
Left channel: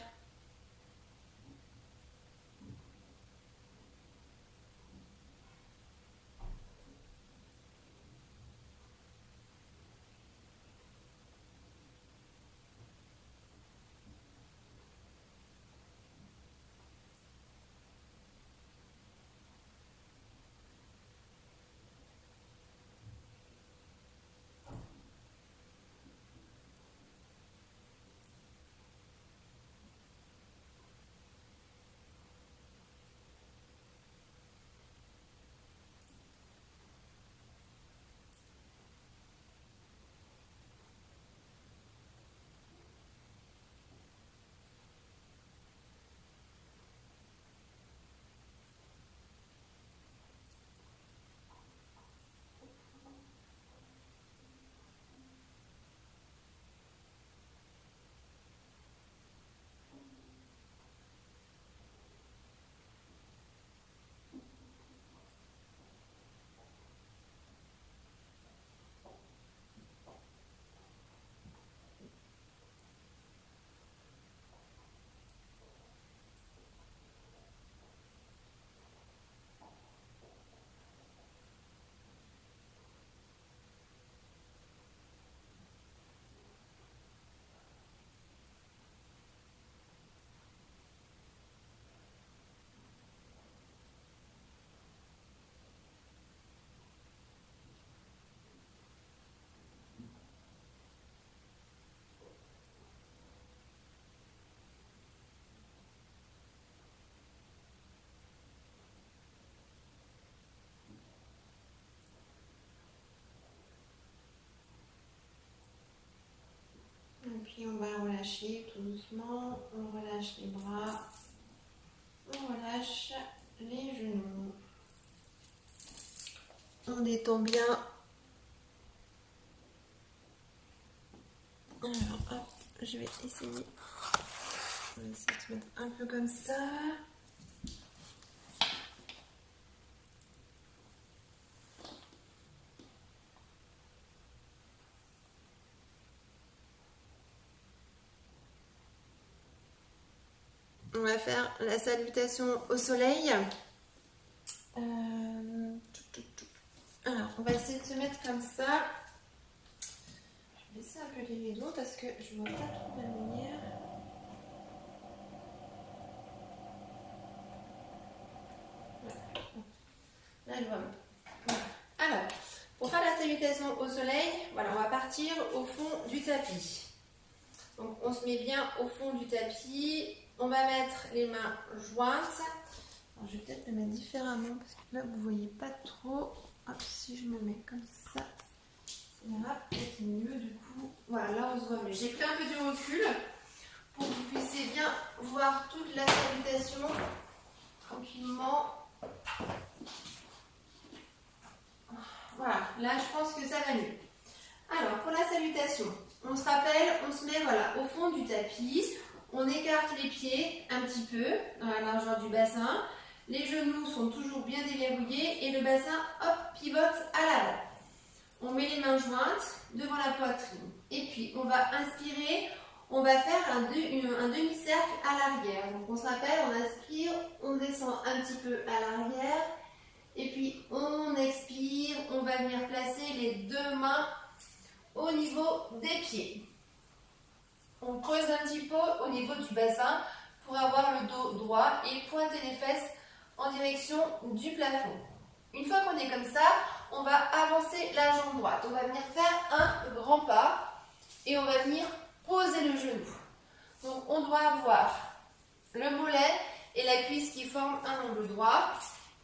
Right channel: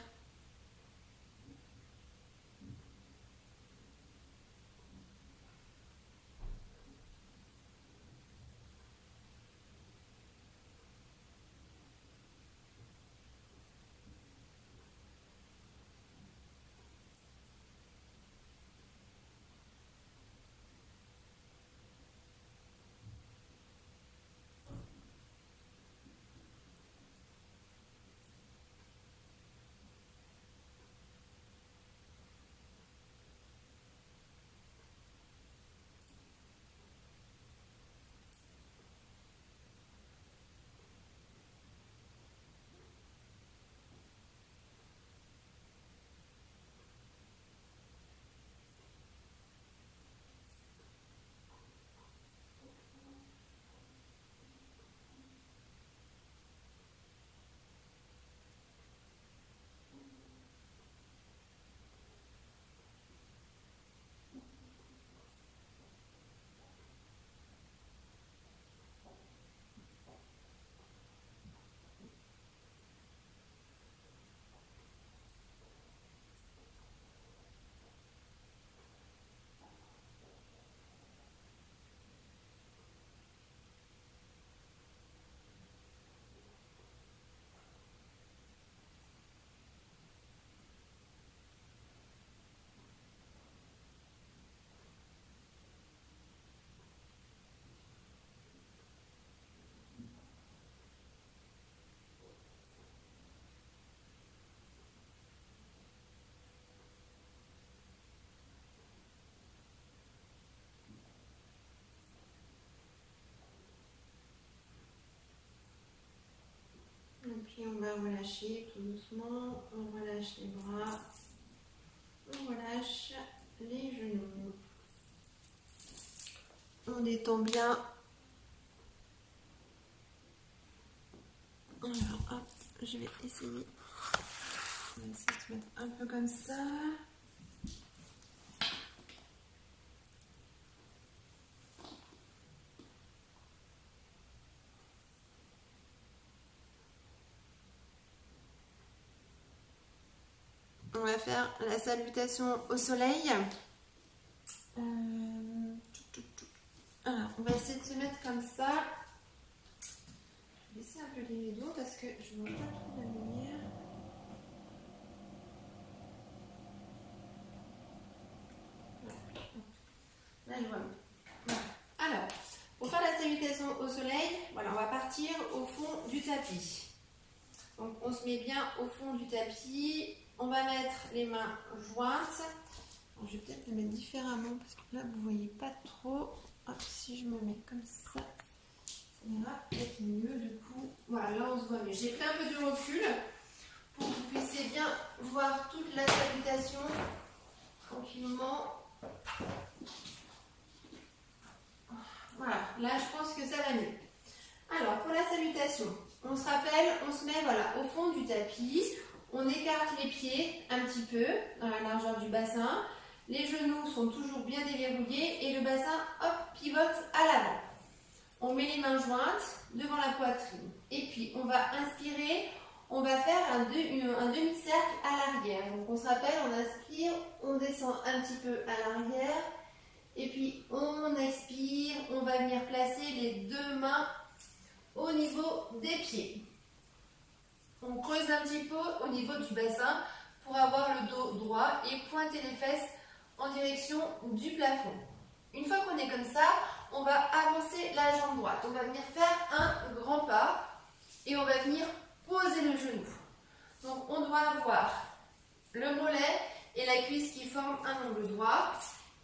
puis on va relâcher tout doucement. On relâche les bras. On relâche les genoux. On détend bien. Alors, hop, je vais essayer. On va essayer de se mettre un peu comme ça. On va faire la salutation au soleil. Alors, on va essayer de se mettre comme ça. Je vais laisser un peu les rideaux parce que je ne vois pas trop la lumière. Là, je vois mieux. Alors, pour faire la salutation au soleil, voilà, on va partir au fond du tapis. Donc, on se met bien au fond du tapis. On va mettre les mains jointes. Alors, je vais peut-être le mettre différemment parce que là, vous ne voyez pas trop. Hop, si je me mets comme ça, ça ira peut-être mieux du coup. Voilà, là, on se voit mieux. J'ai pris un peu du recul pour que vous puissiez bien voir toute la salutation tranquillement. Voilà, là, je pense que ça va mieux. Alors, pour la salutation, on se rappelle, on se met voilà, au fond du tapis. On écarte les pieds un petit peu dans la largeur du bassin. Les genoux sont toujours bien déverrouillés et le bassin, hop, pivote à l'avant. On met les mains jointes devant la poitrine. Et puis, on va inspirer, on va faire un demi-cercle à l'arrière. Donc, on se rappelle, on inspire, on descend un petit peu à l'arrière. Et puis, on expire, on va venir placer les deux mains au niveau des pieds. On creuse un petit peu au niveau du bassin pour avoir le dos droit et pointer les fesses en direction du plafond. Une fois qu'on est comme ça, on va avancer la jambe droite. On va venir faire un grand pas et on va venir poser le genou. Donc on doit avoir le mollet et la cuisse qui forment un angle droit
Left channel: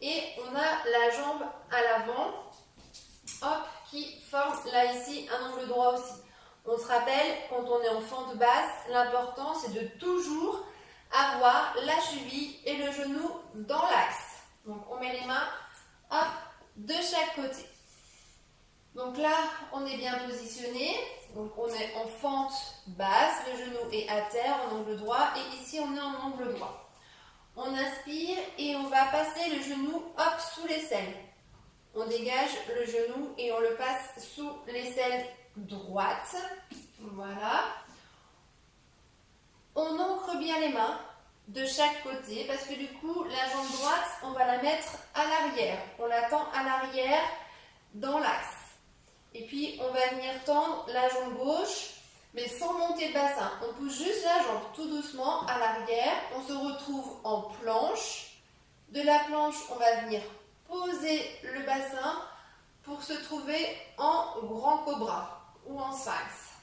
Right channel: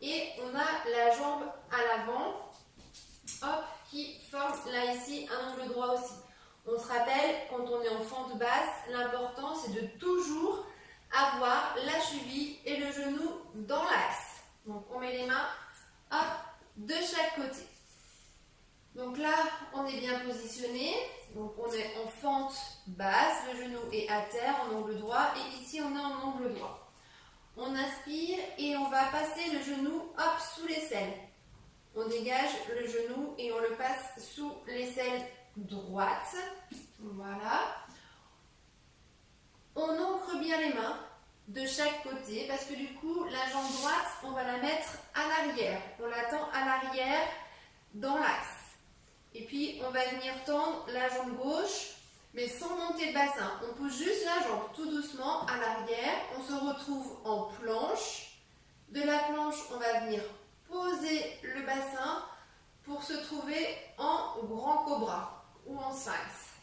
et on a la jambe à l'avant, hop, qui forme là ici un angle droit aussi. On se rappelle, quand on est en fente basse, l'important c'est de toujours avoir la cheville et le genou dans l'axe. Donc on met les mains hop, de chaque côté. Donc là, on est bien positionné. Donc on est en fente basse, le genou est à terre en angle droit et ici on est en angle droit. On inspire et on va passer le genou hop sous l'aisselle. On dégage le genou et on le passe sous l'aisselle droite. Voilà. On ancre bien les mains de chaque côté parce que du coup, la jambe droite, on va la mettre à l'arrière. On la tend à l'arrière dans l'axe. Et puis, on va venir tendre la jambe gauche, mais sans monter le bassin. On pousse juste la jambe tout doucement à l'arrière. On se retrouve en planche. De la planche, on va venir poser le bassin pour se trouver en grand cobra ou en sphinx.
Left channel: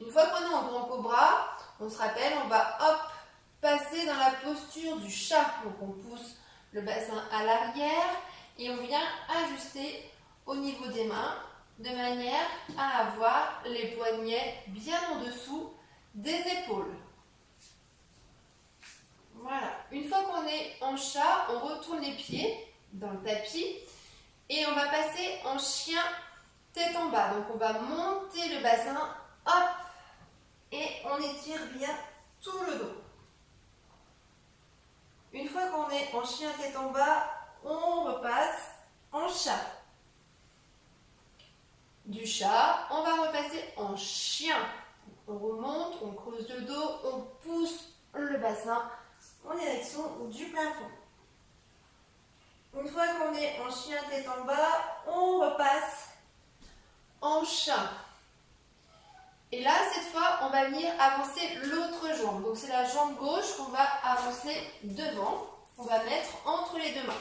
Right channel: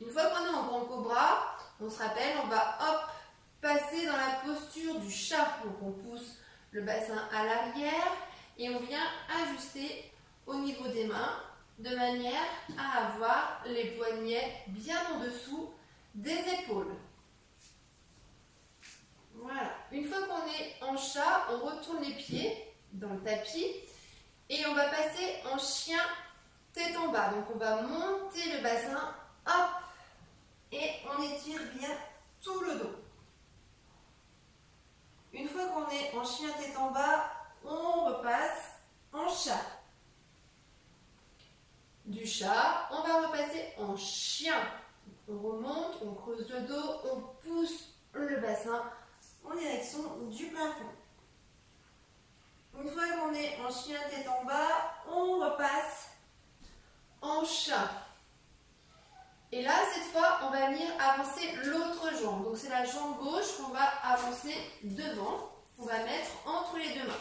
Une fois qu'on est en grand cobra, on se rappelle, on va hop, passer dans la posture du chat. Donc on pousse le bassin à l'arrière et on vient ajuster au niveau des mains de manière à avoir les poignets bien en dessous des épaules. Voilà. Une fois qu'on est en chat, on retourne les pieds dans le tapis et on va passer en chien tête en bas. Donc on va monter le bassin, hop, et on étire bien tout le dos. Une fois qu'on est en chien tête en bas, on repasse en chat. Du chat, on va repasser en chien. On remonte, on creuse le dos, on pousse le bassin en direction du plafond. Une fois qu'on est en chien tête en bas, on repasse en chat. Et là, cette fois, on va venir avancer l'autre jambe. Donc, c'est la jambe gauche qu'on va avancer devant. On va mettre entre les deux mains.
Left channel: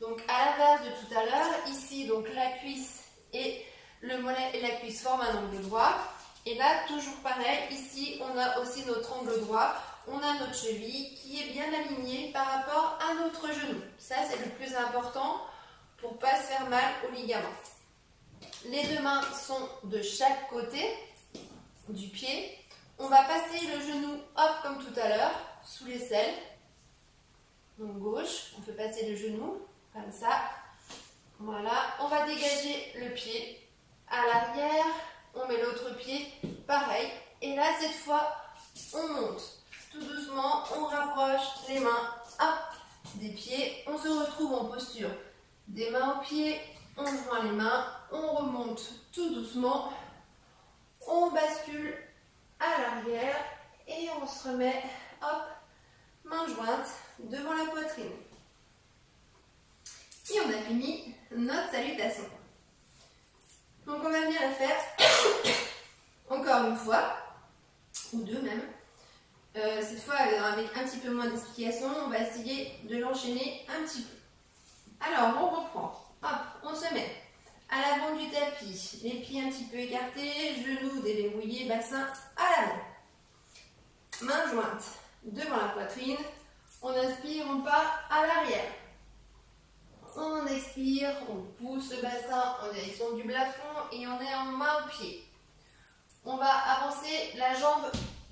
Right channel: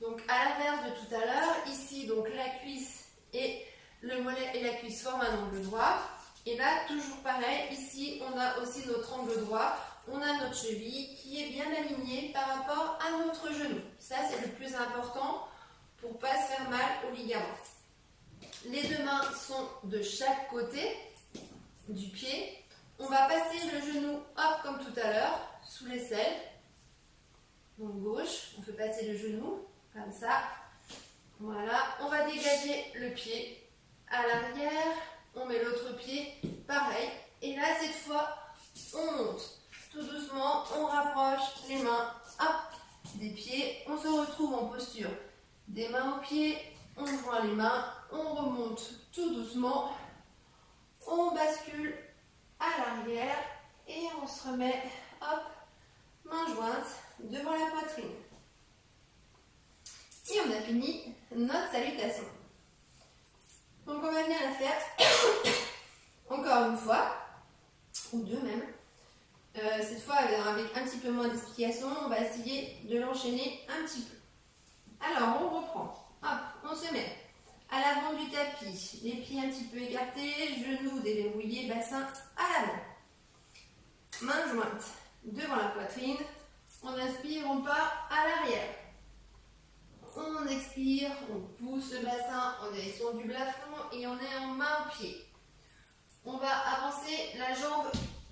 Donc, à l'inverse de tout à l'heure, ici, donc la cuisse et le mollet et la cuisse forment un angle droit. Et là, toujours pareil, ici, on a aussi notre angle droit. On a notre cheville qui est bien alignée par rapport à notre genou. Ça, c'est le plus important pour ne pas se faire mal aux ligaments. Les deux mains sont de chaque côté. du pied. On va passer le genou, hop, comme tout à l'heure, sous l'aisselle. Donc gauche, on fait passer le genou, comme ça. Voilà, on va dégager le pied à l'arrière. On met l'autre pied, pareil. Et là, cette fois, on monte. Tout doucement, on rapproche les mains, hop, des pieds. On se retrouve en posture des mains aux pieds. On joint les mains, on remonte tout doucement. On bascule à l'arrière et on se remet, hop, main jointe devant la poitrine. Et on a fini notre salutation. Donc on va bien la faire encore une fois, ou deux même. Cette fois avec un petit peu moins d'explication, on va essayer de l'enchaîner un petit peu. Alors on reprend, hop, on se met à l'avant du tapis, les pieds un petit peu écartés, genoux déverrouillés, bassin à l'avant. Main jointe devant la poitrine, on inspire, on part à l'arrière. On expire, on pousse le bassin en direction du plafond et on est en main au pied. On va avancer la jambe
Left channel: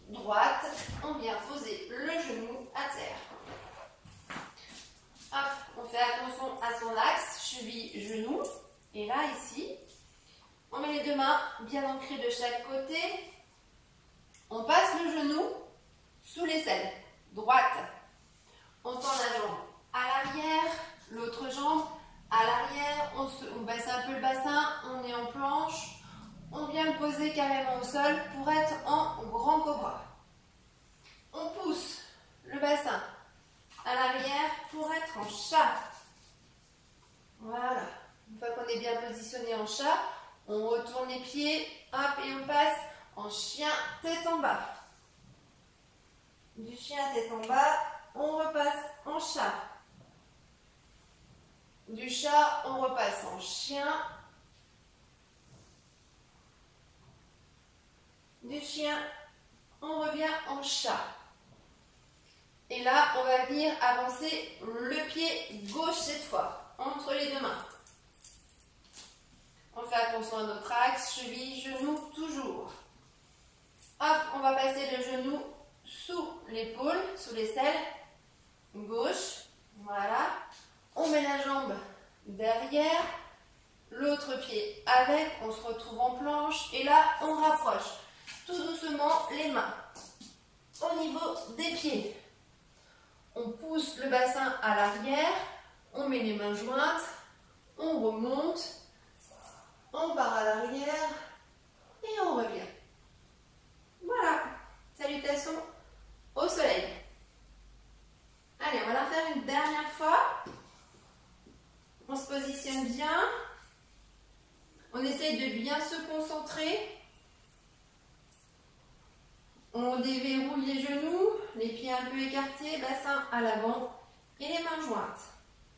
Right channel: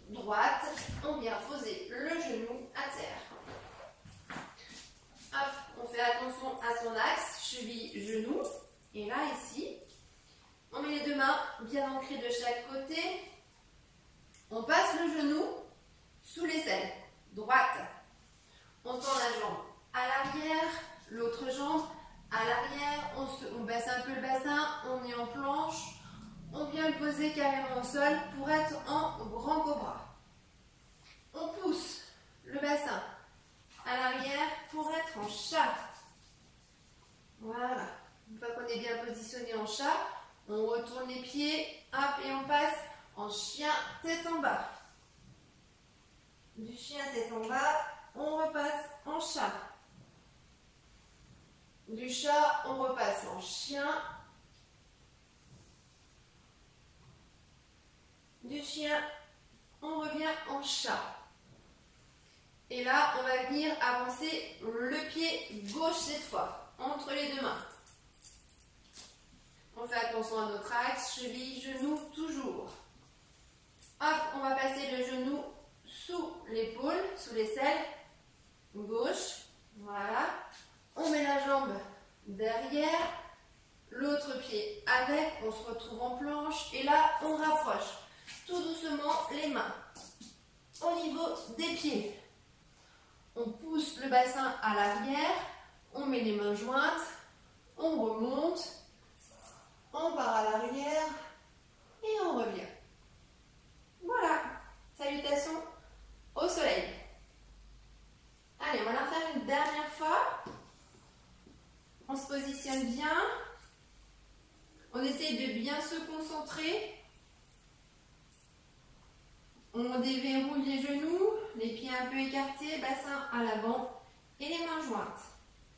droite, on vient poser le genou à terre. Hop, on fait attention à son axe, cheville, genou. Et là, ici, on met les deux mains bien ancrées de chaque côté. On passe le genou sous l'aisselle, droite. On tend la jambe à l'arrière, l'autre jambe à l'arrière. On baisse un peu le bassin, on est en planche. On vient le poser carrément au sol pour être en grand cobra. On pousse le bassin à l'arrière pour être en chat. Voilà. Une fois qu'on est bien positionné en chat, on retourne les pieds, hop, et on passe en chien tête en bas. Du chien tête en bas, on repasse en chat. Du chat, on repasse en chien. Du chien, on revient en chat. Et là, on va venir avancer le pied gauche cette fois, entre les deux mains. On fait attention à notre axe, cheville, genou, toujours. Hop, on va passer le genou sous l'épaule, sous l'aisselle, gauche. Voilà. On met la jambe derrière, l'autre pied avec, on se retrouve en planche. Et là, on rapproche tout doucement les mains au niveau des pieds. On pousse le bassin à l'arrière, on met les mains jointes, on remonte. On part à l'arrière et on revient. Voilà, salutations au soleil. Allez, on va la faire une dernière fois. On se positionne bien. On essaye de bien se concentrer. On déverrouille les genoux, les pieds un peu écartés, bassin à l'avant et les mains jointes.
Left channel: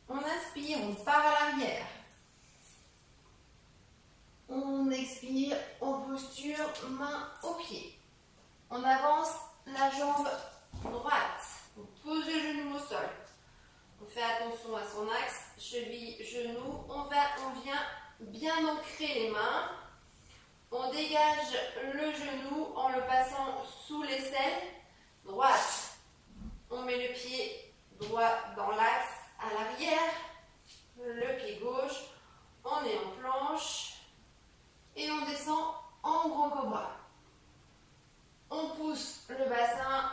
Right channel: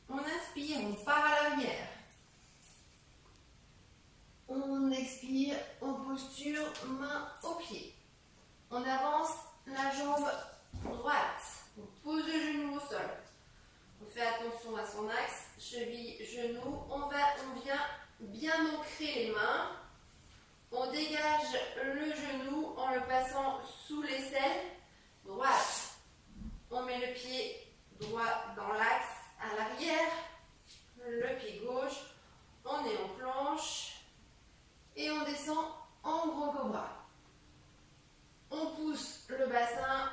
On inspire, on part à l'arrière. On expire, on posture, main au pied. On avance la jambe droite. On pose le genou au sol. On fait attention à son axe, cheville, genou. On vient bien ancrer les mains. On dégage le genou en le passant sous l'aisselle droite. On met le pied droit dans l'axe à l'arrière. Le pied gauche. On est en planche. Et on descend en grand cobra. On pousse le bassin.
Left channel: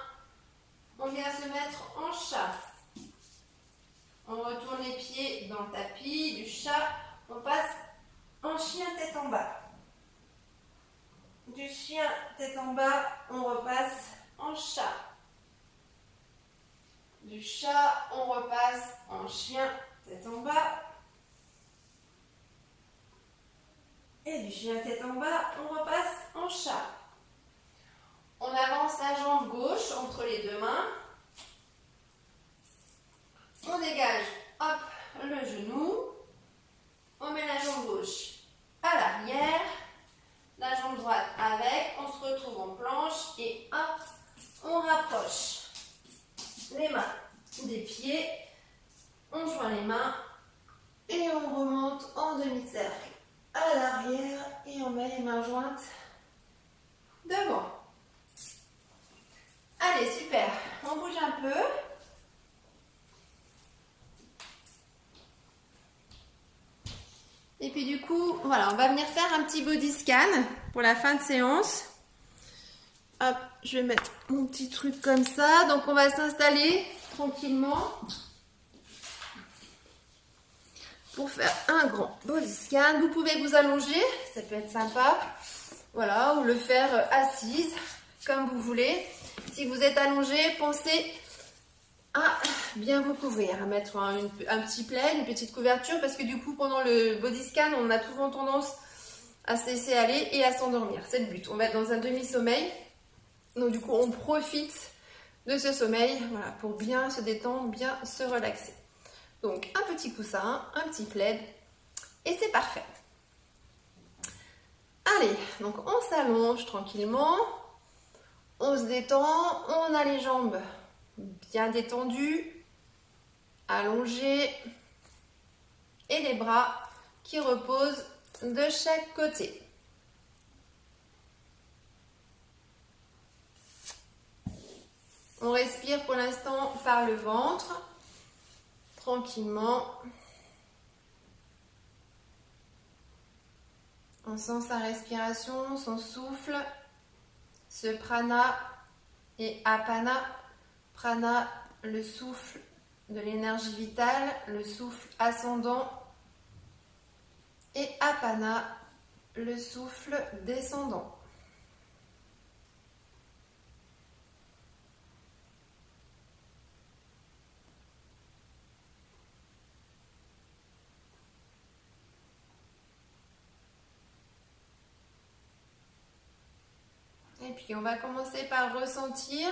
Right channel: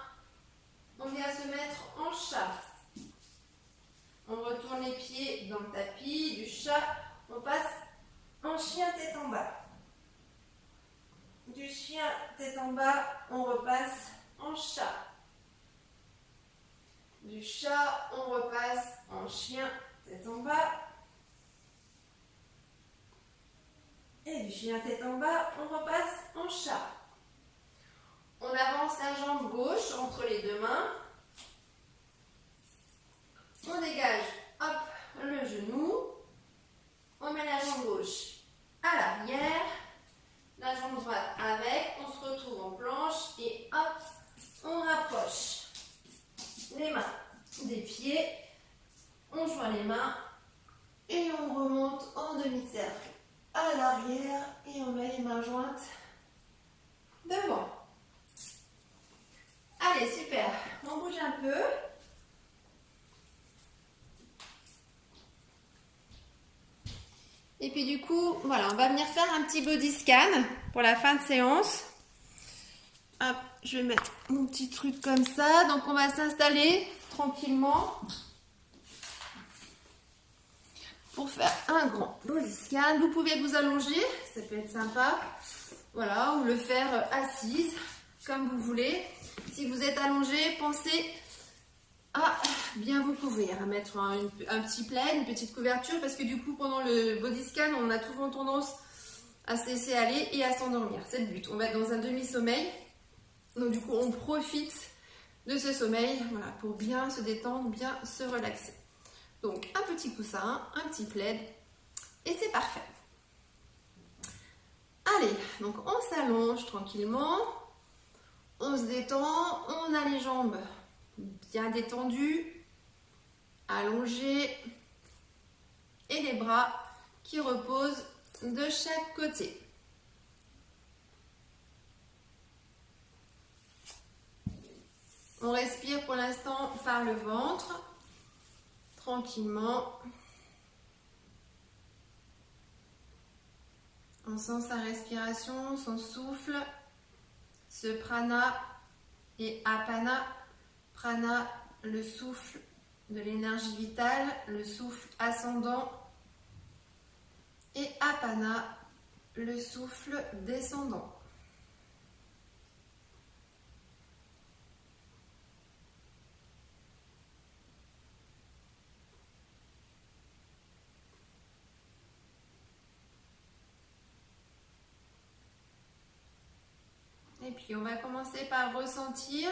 On vient se mettre en chat. On retourne les pieds dans le tapis du chat. On passe en chien tête en bas. Du chien tête en bas, on repasse en chat. Du chat, on repasse en chien tête en bas. Et du chien tête en bas, on repasse en chat. On avance la jambe gauche entre les deux mains. On dégage, hop, le genou. On met la jambe gauche à l'arrière. La jambe droite avec. On se retrouve en planche et hop, on rapproche les mains des pieds. On joint les mains et on remonte en demi-cercle à l'arrière et on met les mains jointes devant. Allez, super. On bouge un peu. Et puis du coup, voilà, on va venir faire un petit body scan pour la fin de séance. Hop, je vais mettre mon petit truc comme ça. Donc on va s'installer tranquillement pour faire un grand body scan. Vous pouvez vous allonger, ça peut être sympa. Voilà, ou le faire assise, comme vous voulez. Si vous êtes allongé, pensez à bien vous couvrir, à mettre un petit plaid, une petite couverture, parce que du coup, pendant le body scan, on a souvent tendance à se laisser aller et à s'endormir. C'est le but. On va être dans un demi-sommeil. Donc du coup, on profite de ce sommeil, voilà, pour bien se détendre, bien se relaxer. Donc, un petit coussin, un petit plaid, et c'est parfait. Allez, donc on s'allonge tranquillement, on se détend, on a les jambes bien détendues, allongées, et les bras qui reposent de chaque côté. On respire pour l'instant par le ventre, tranquillement. On sent sa respiration, son souffle, ce prana et apana. Prana, le souffle de l'énergie vitale, le souffle ascendant, et apana, le souffle descendant. Et puis on va commencer par ressentir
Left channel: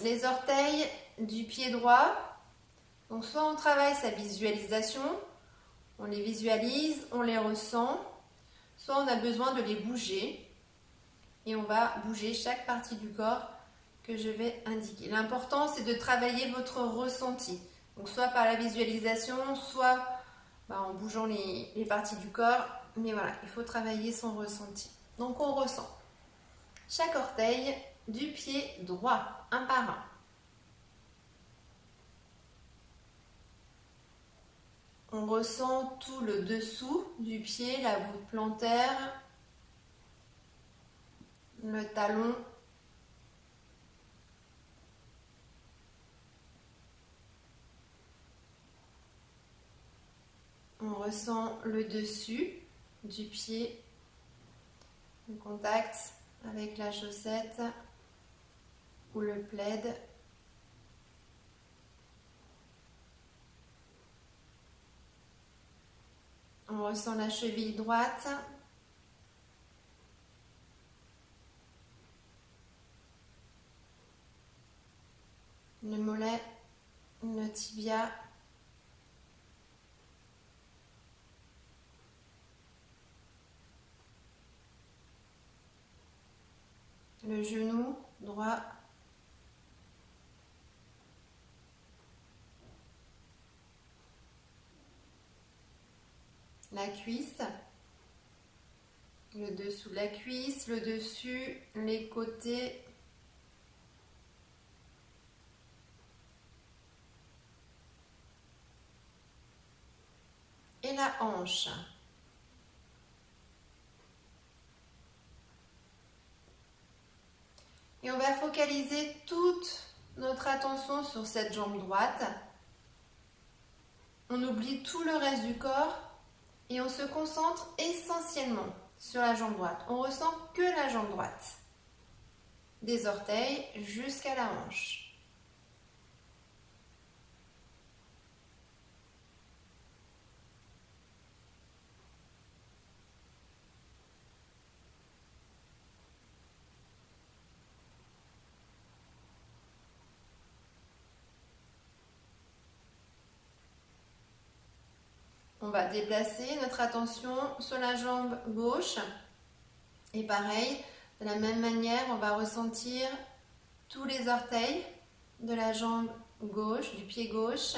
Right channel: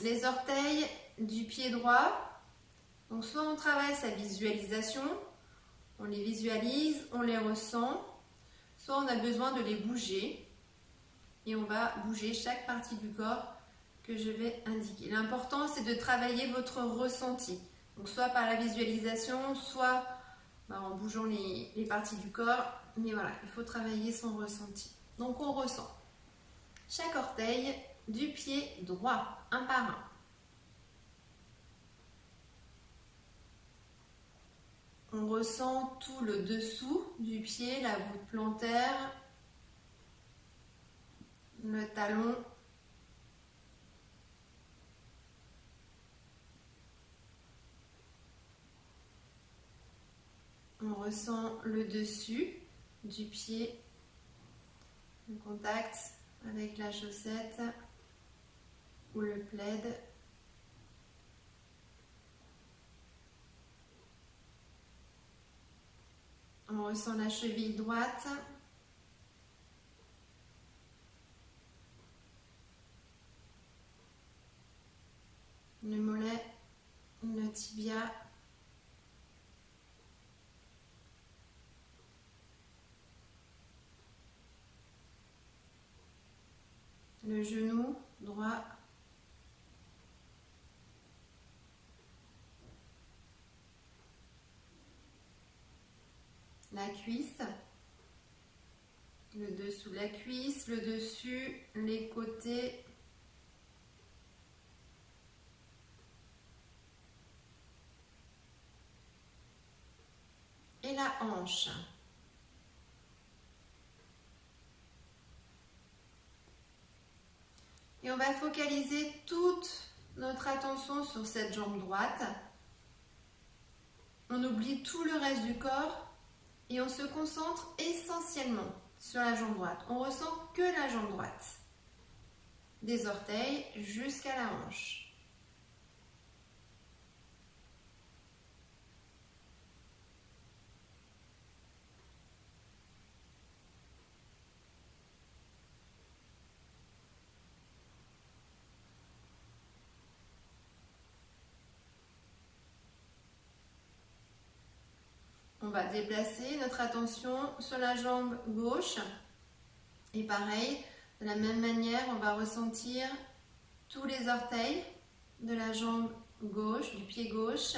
les orteils du pied droit. Donc soit on travaille sa visualisation, on les visualise, on les ressent, soit on a besoin de les bouger et on va bouger chaque partie du corps que je vais indiquer. L'important, c'est de travailler votre ressenti. Donc soit par la visualisation, soit en bougeant les parties du corps. Mais voilà, il faut travailler son ressenti. Donc on ressent chaque orteil du pied droit, un par un. On ressent tout le dessous du pied, la voûte plantaire, le talon. On ressent le dessus du pied, le contact avec la chaussette ou le plaid. On ressent la cheville droite. Le mollet, le tibia. Le genou droit. La cuisse. Le dessous de la cuisse, le dessus, les côtés. Et la hanche. Et on va focaliser toute notre attention sur cette jambe droite. On oublie tout le reste du corps et on se concentre essentiellement sur la jambe droite. On ressent que la jambe droite, des orteils jusqu'à la hanche. On va déplacer notre attention sur la jambe gauche. Et pareil, de la même manière, on va ressentir tous les orteils de la jambe gauche, du pied gauche.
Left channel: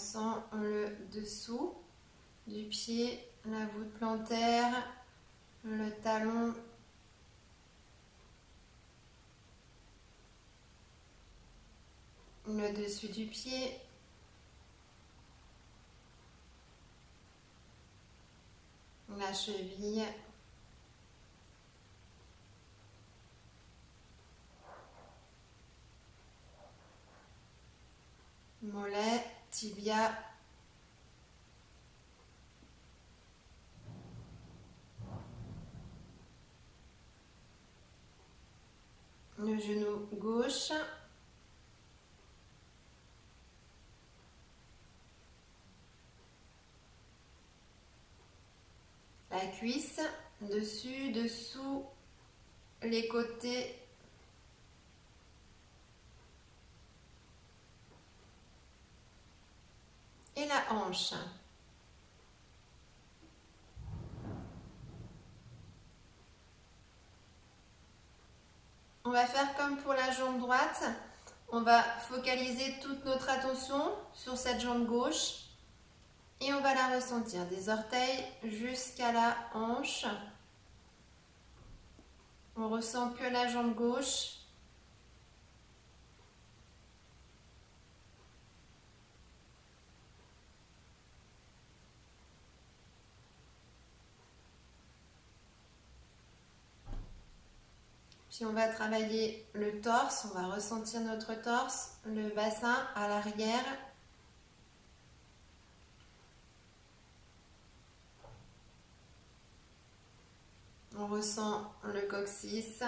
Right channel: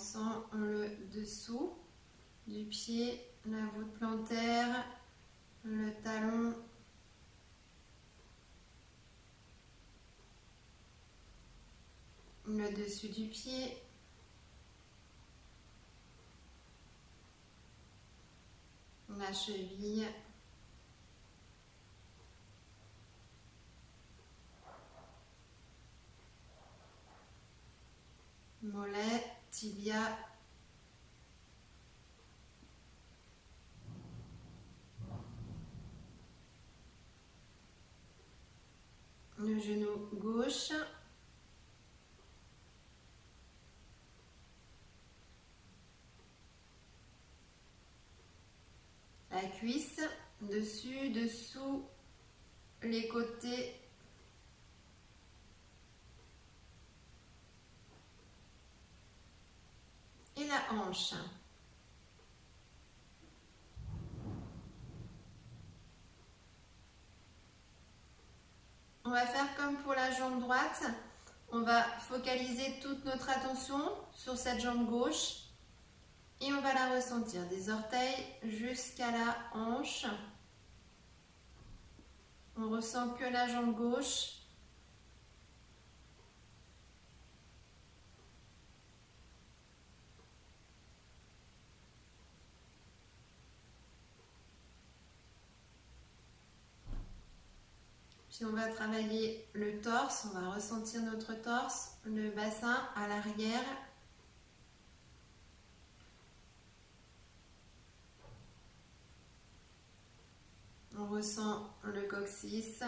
ressent le dessous du pied, la voûte plantaire, le talon, le dessus du pied, la cheville, mollet, tibia, le genou gauche, la cuisse, dessus, dessous, les côtés, et la hanche. On va faire comme pour la jambe droite. On va focaliser toute notre attention sur cette jambe gauche et on va la ressentir des orteils jusqu'à la hanche. On ressent que la jambe gauche. Puis on va travailler le torse, on va ressentir notre torse, le bassin à l'arrière. On ressent le coccyx,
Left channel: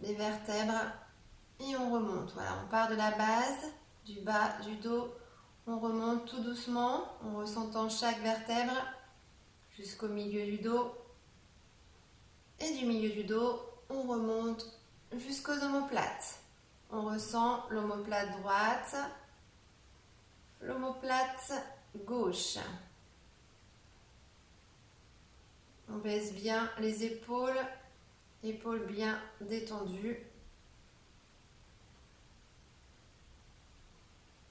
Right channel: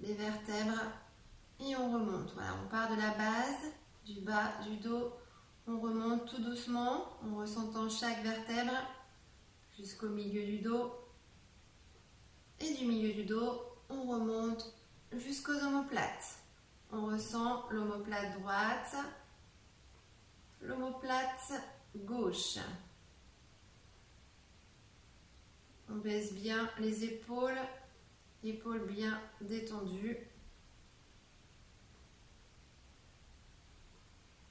les vertèbres et on remonte. Voilà, on part de la base, du bas, du dos. On remonte tout doucement en ressentant chaque vertèbre jusqu'au milieu du dos. Et du milieu du dos, on remonte jusqu'aux omoplates. On ressent l'omoplate droite, l'omoplate gauche. On baisse bien les épaules, épaules bien détendues.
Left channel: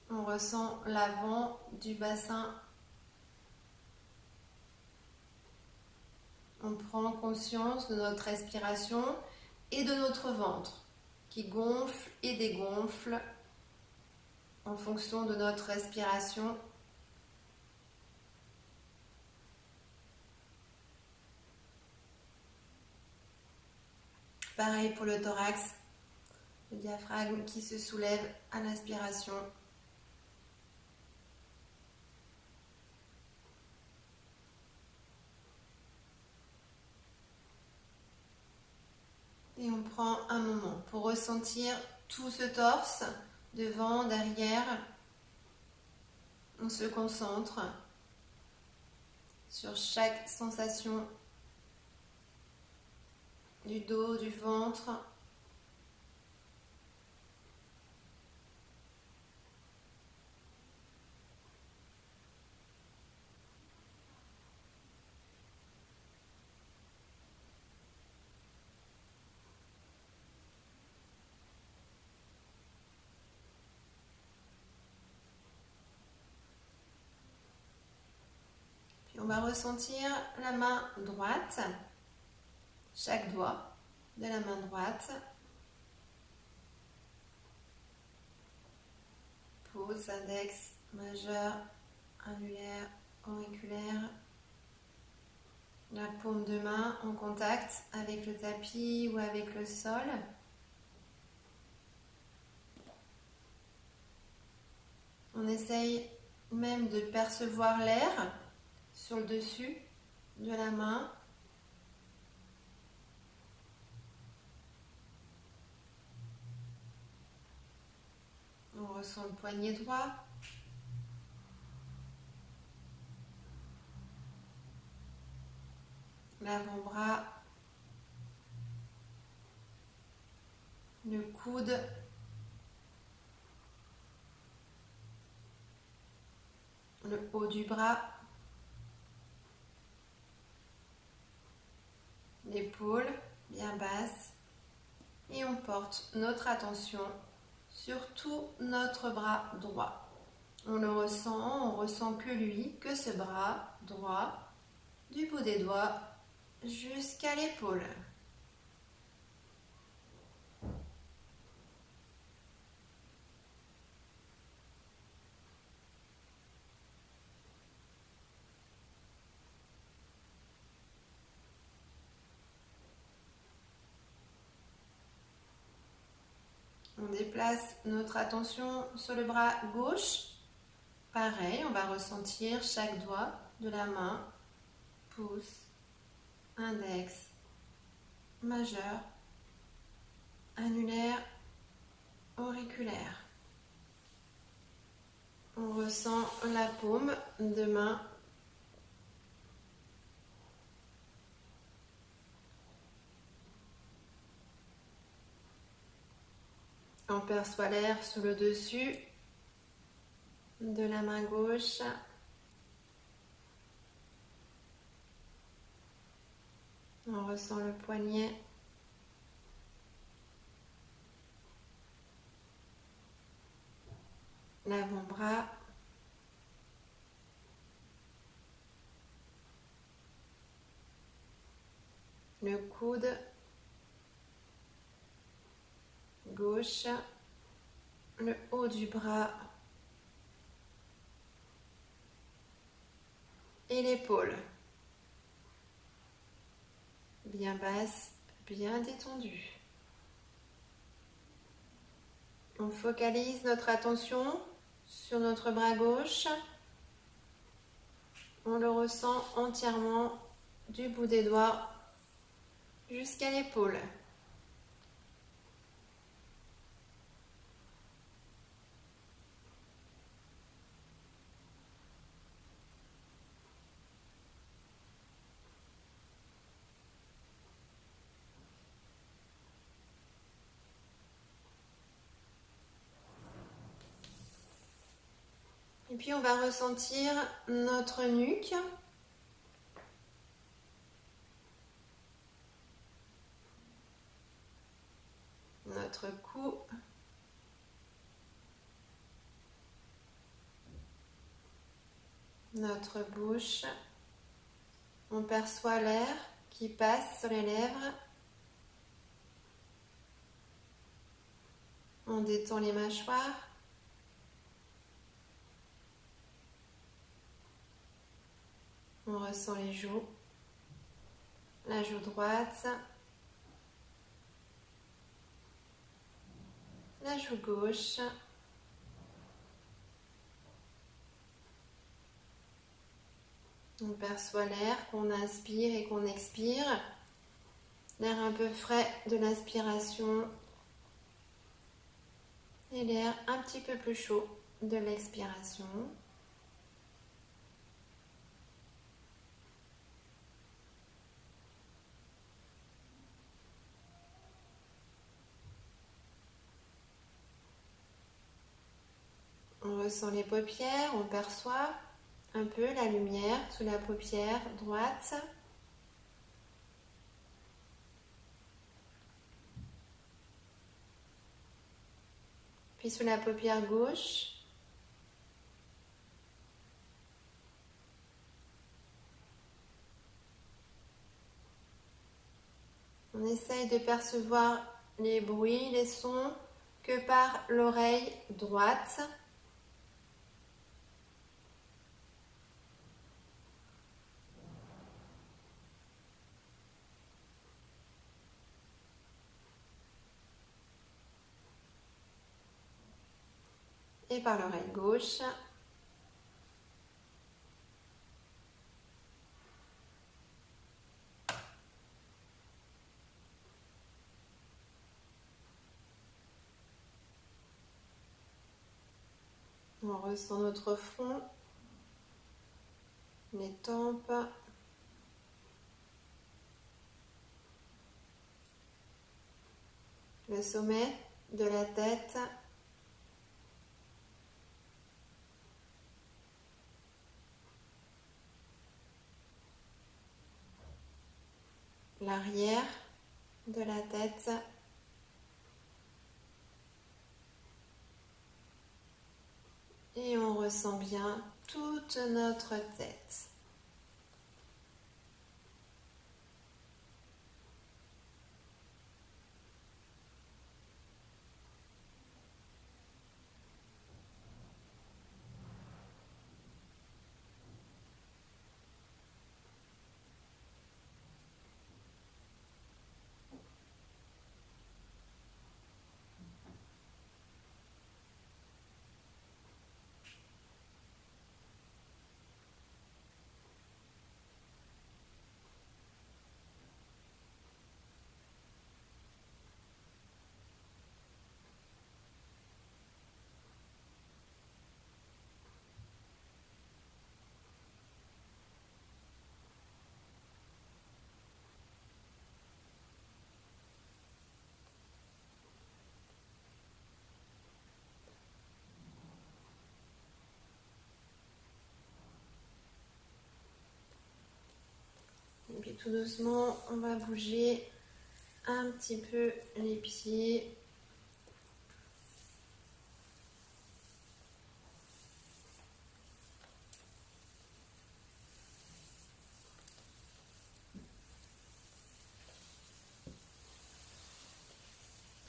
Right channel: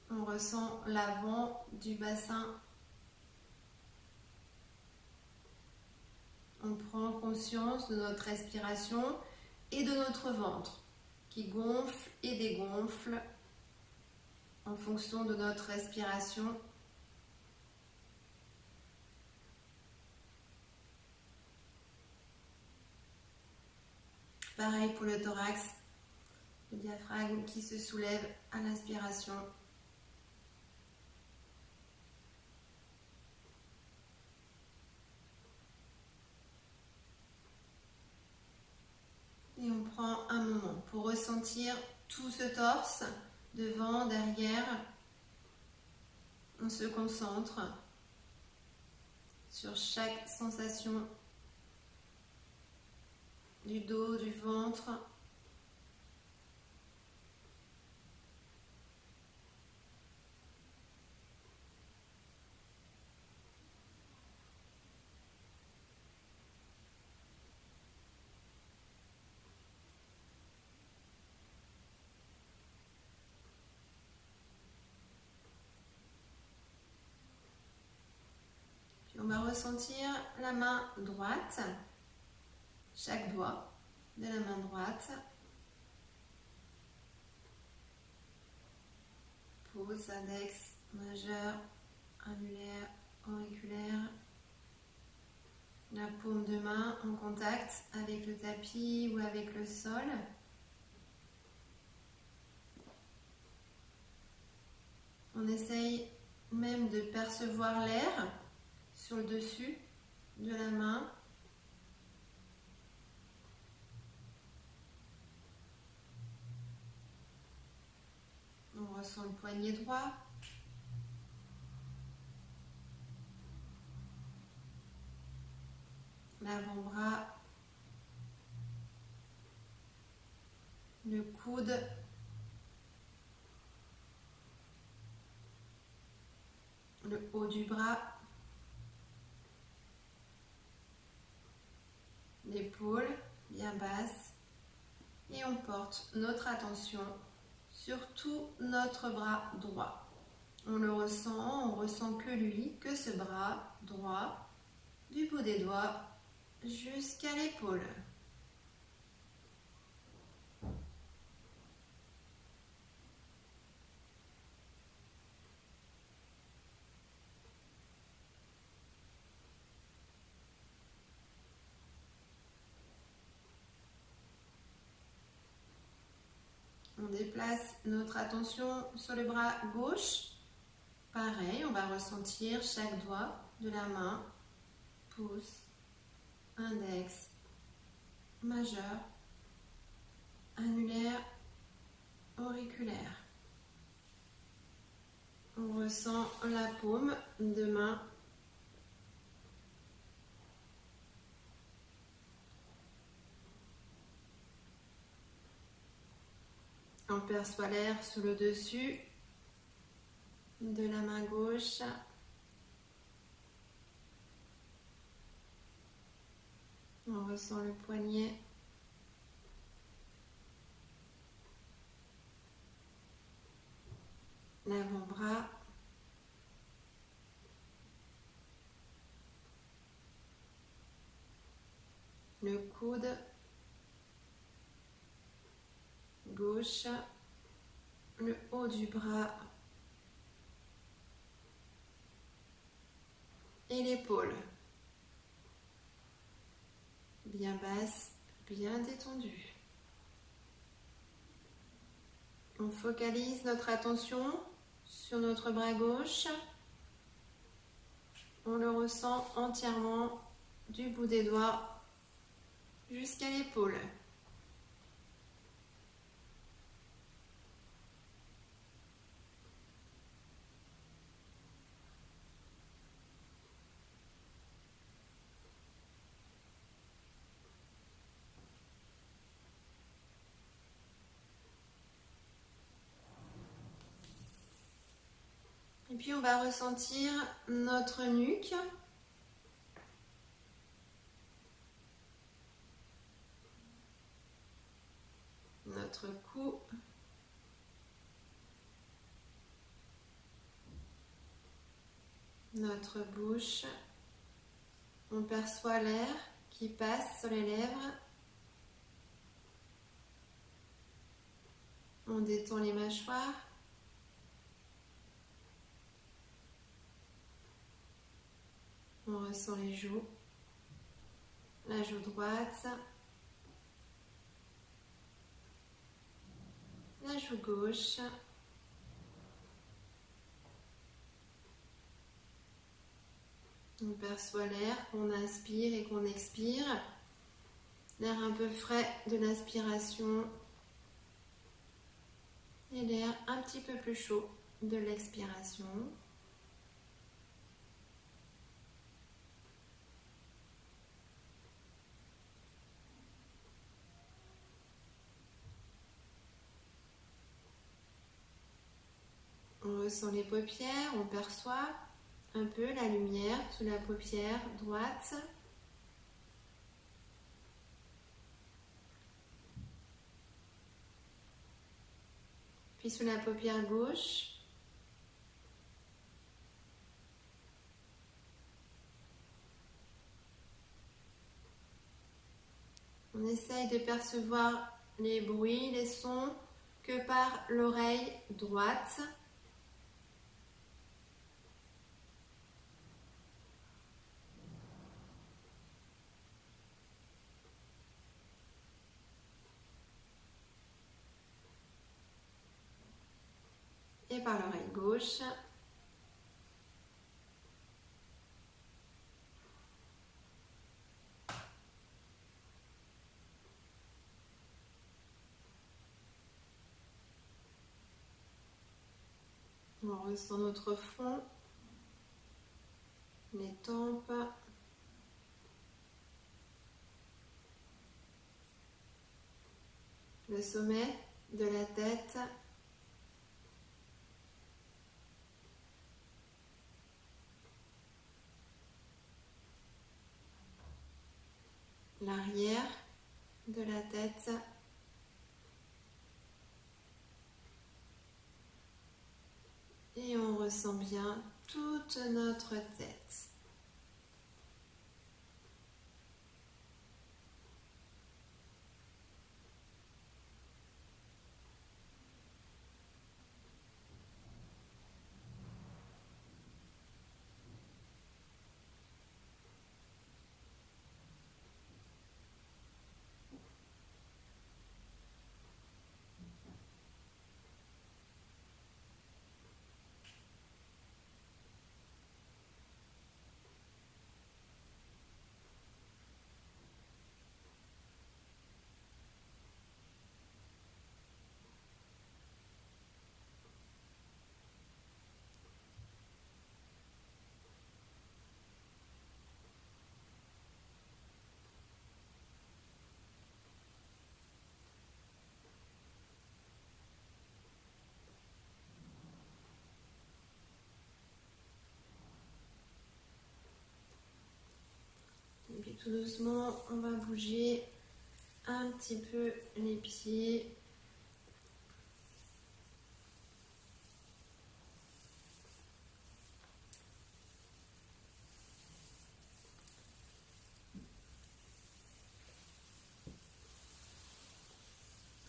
On ressent l'avant du bassin. On prend conscience de notre respiration et de notre ventre qui gonfle et dégonfle en fonction de notre respiration. Pareil pour le thorax, le diaphragme qui se soulève à l'inspiration. Et on prend un moment pour ressentir tout ce torse, devant, derrière. On se concentre sur chaque sensation du dos, du ventre. Puis on va ressentir la main droite, chaque doigt de la main droite. Pouce, index, majeur, annulaire, auriculaire. La paume de main en contact avec le tapis ou avec le sol. On essaye même de percevoir l'air sur le dessus de la main. On ressent le poignet droit. L'avant-bras. Le coude. Le haut du bras. L'épaule bien basse. Et on porte notre attention sur tout notre bras droit. On le ressent, on ressent que lui, que ce bras droit, du bout des doigts jusqu'à l'épaule. On déplace notre attention sur le bras gauche. Pareil, on va ressentir chaque doigt de la main, pouce, index, majeur, annulaire, auriculaire. On ressent la paume de main. On perçoit l'air sous le dessus de la main gauche. On ressent le poignet. L'avant-bras. Le coude gauche, le haut du bras et l'épaule. Bien basse, bien détendue. On focalise notre attention sur notre bras gauche. On le ressent entièrement du bout des doigts jusqu'à l'épaule. Et puis on va ressentir notre nuque. Notre cou. Notre bouche. On perçoit l'air qui passe sur les lèvres. On détend les mâchoires. On ressent les joues, la joue droite, la joue gauche, on perçoit l'air qu'on inspire et qu'on expire, l'air un peu frais de l'inspiration et l'air un petit peu plus chaud de l'expiration. On ressent les paupières, on perçoit un peu la lumière sous la paupière droite. Puis sous la paupière gauche. On essaye de percevoir les bruits, les sons que par l'oreille droite. Et par l'oreille gauche. On ressent notre front, les tempes, le sommet de la tête. L'arrière de la tête. Et Et on ressent bien toute notre tête. Et puis tout doucement, on va bouger un petit peu les pieds.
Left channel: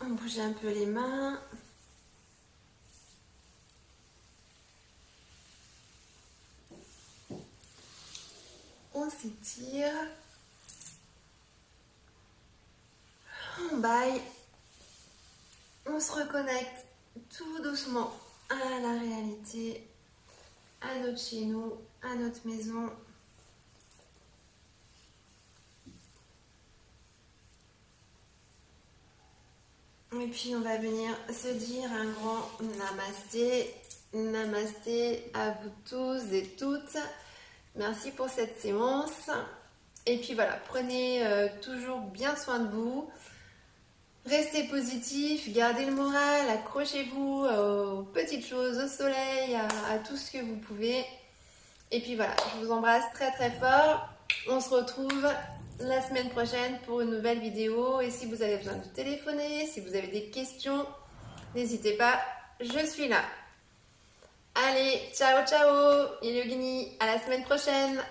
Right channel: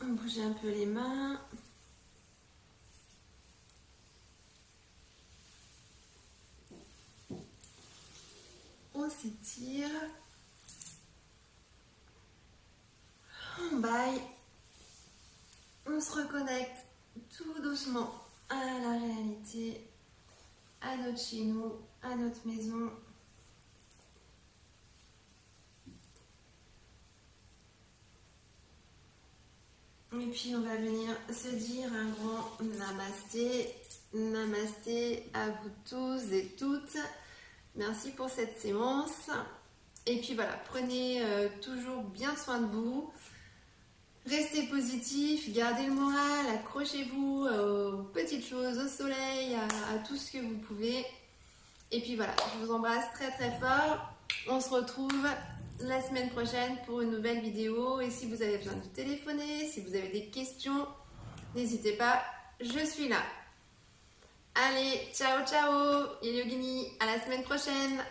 On bouge un peu les mains. On s'étire. On baille. On se reconnecte tout doucement à la réalité, à notre chez nous, à notre maison. Et puis on va venir se dire un grand namasté. Namasté à vous tous et toutes. Merci pour cette séance. Et puis voilà, prenez toujours bien soin de vous. Restez positif, gardez le moral, accrochez-vous aux petites choses, au soleil, à tout ce que vous pouvez. Et puis voilà, je vous embrasse très très fort. On se retrouve la semaine prochaine pour une nouvelle vidéo. Et si vous avez besoin de téléphoner, si vous avez des questions, n'hésitez pas, je suis là. Allez, ciao ciao, Yogini, à la semaine prochaine.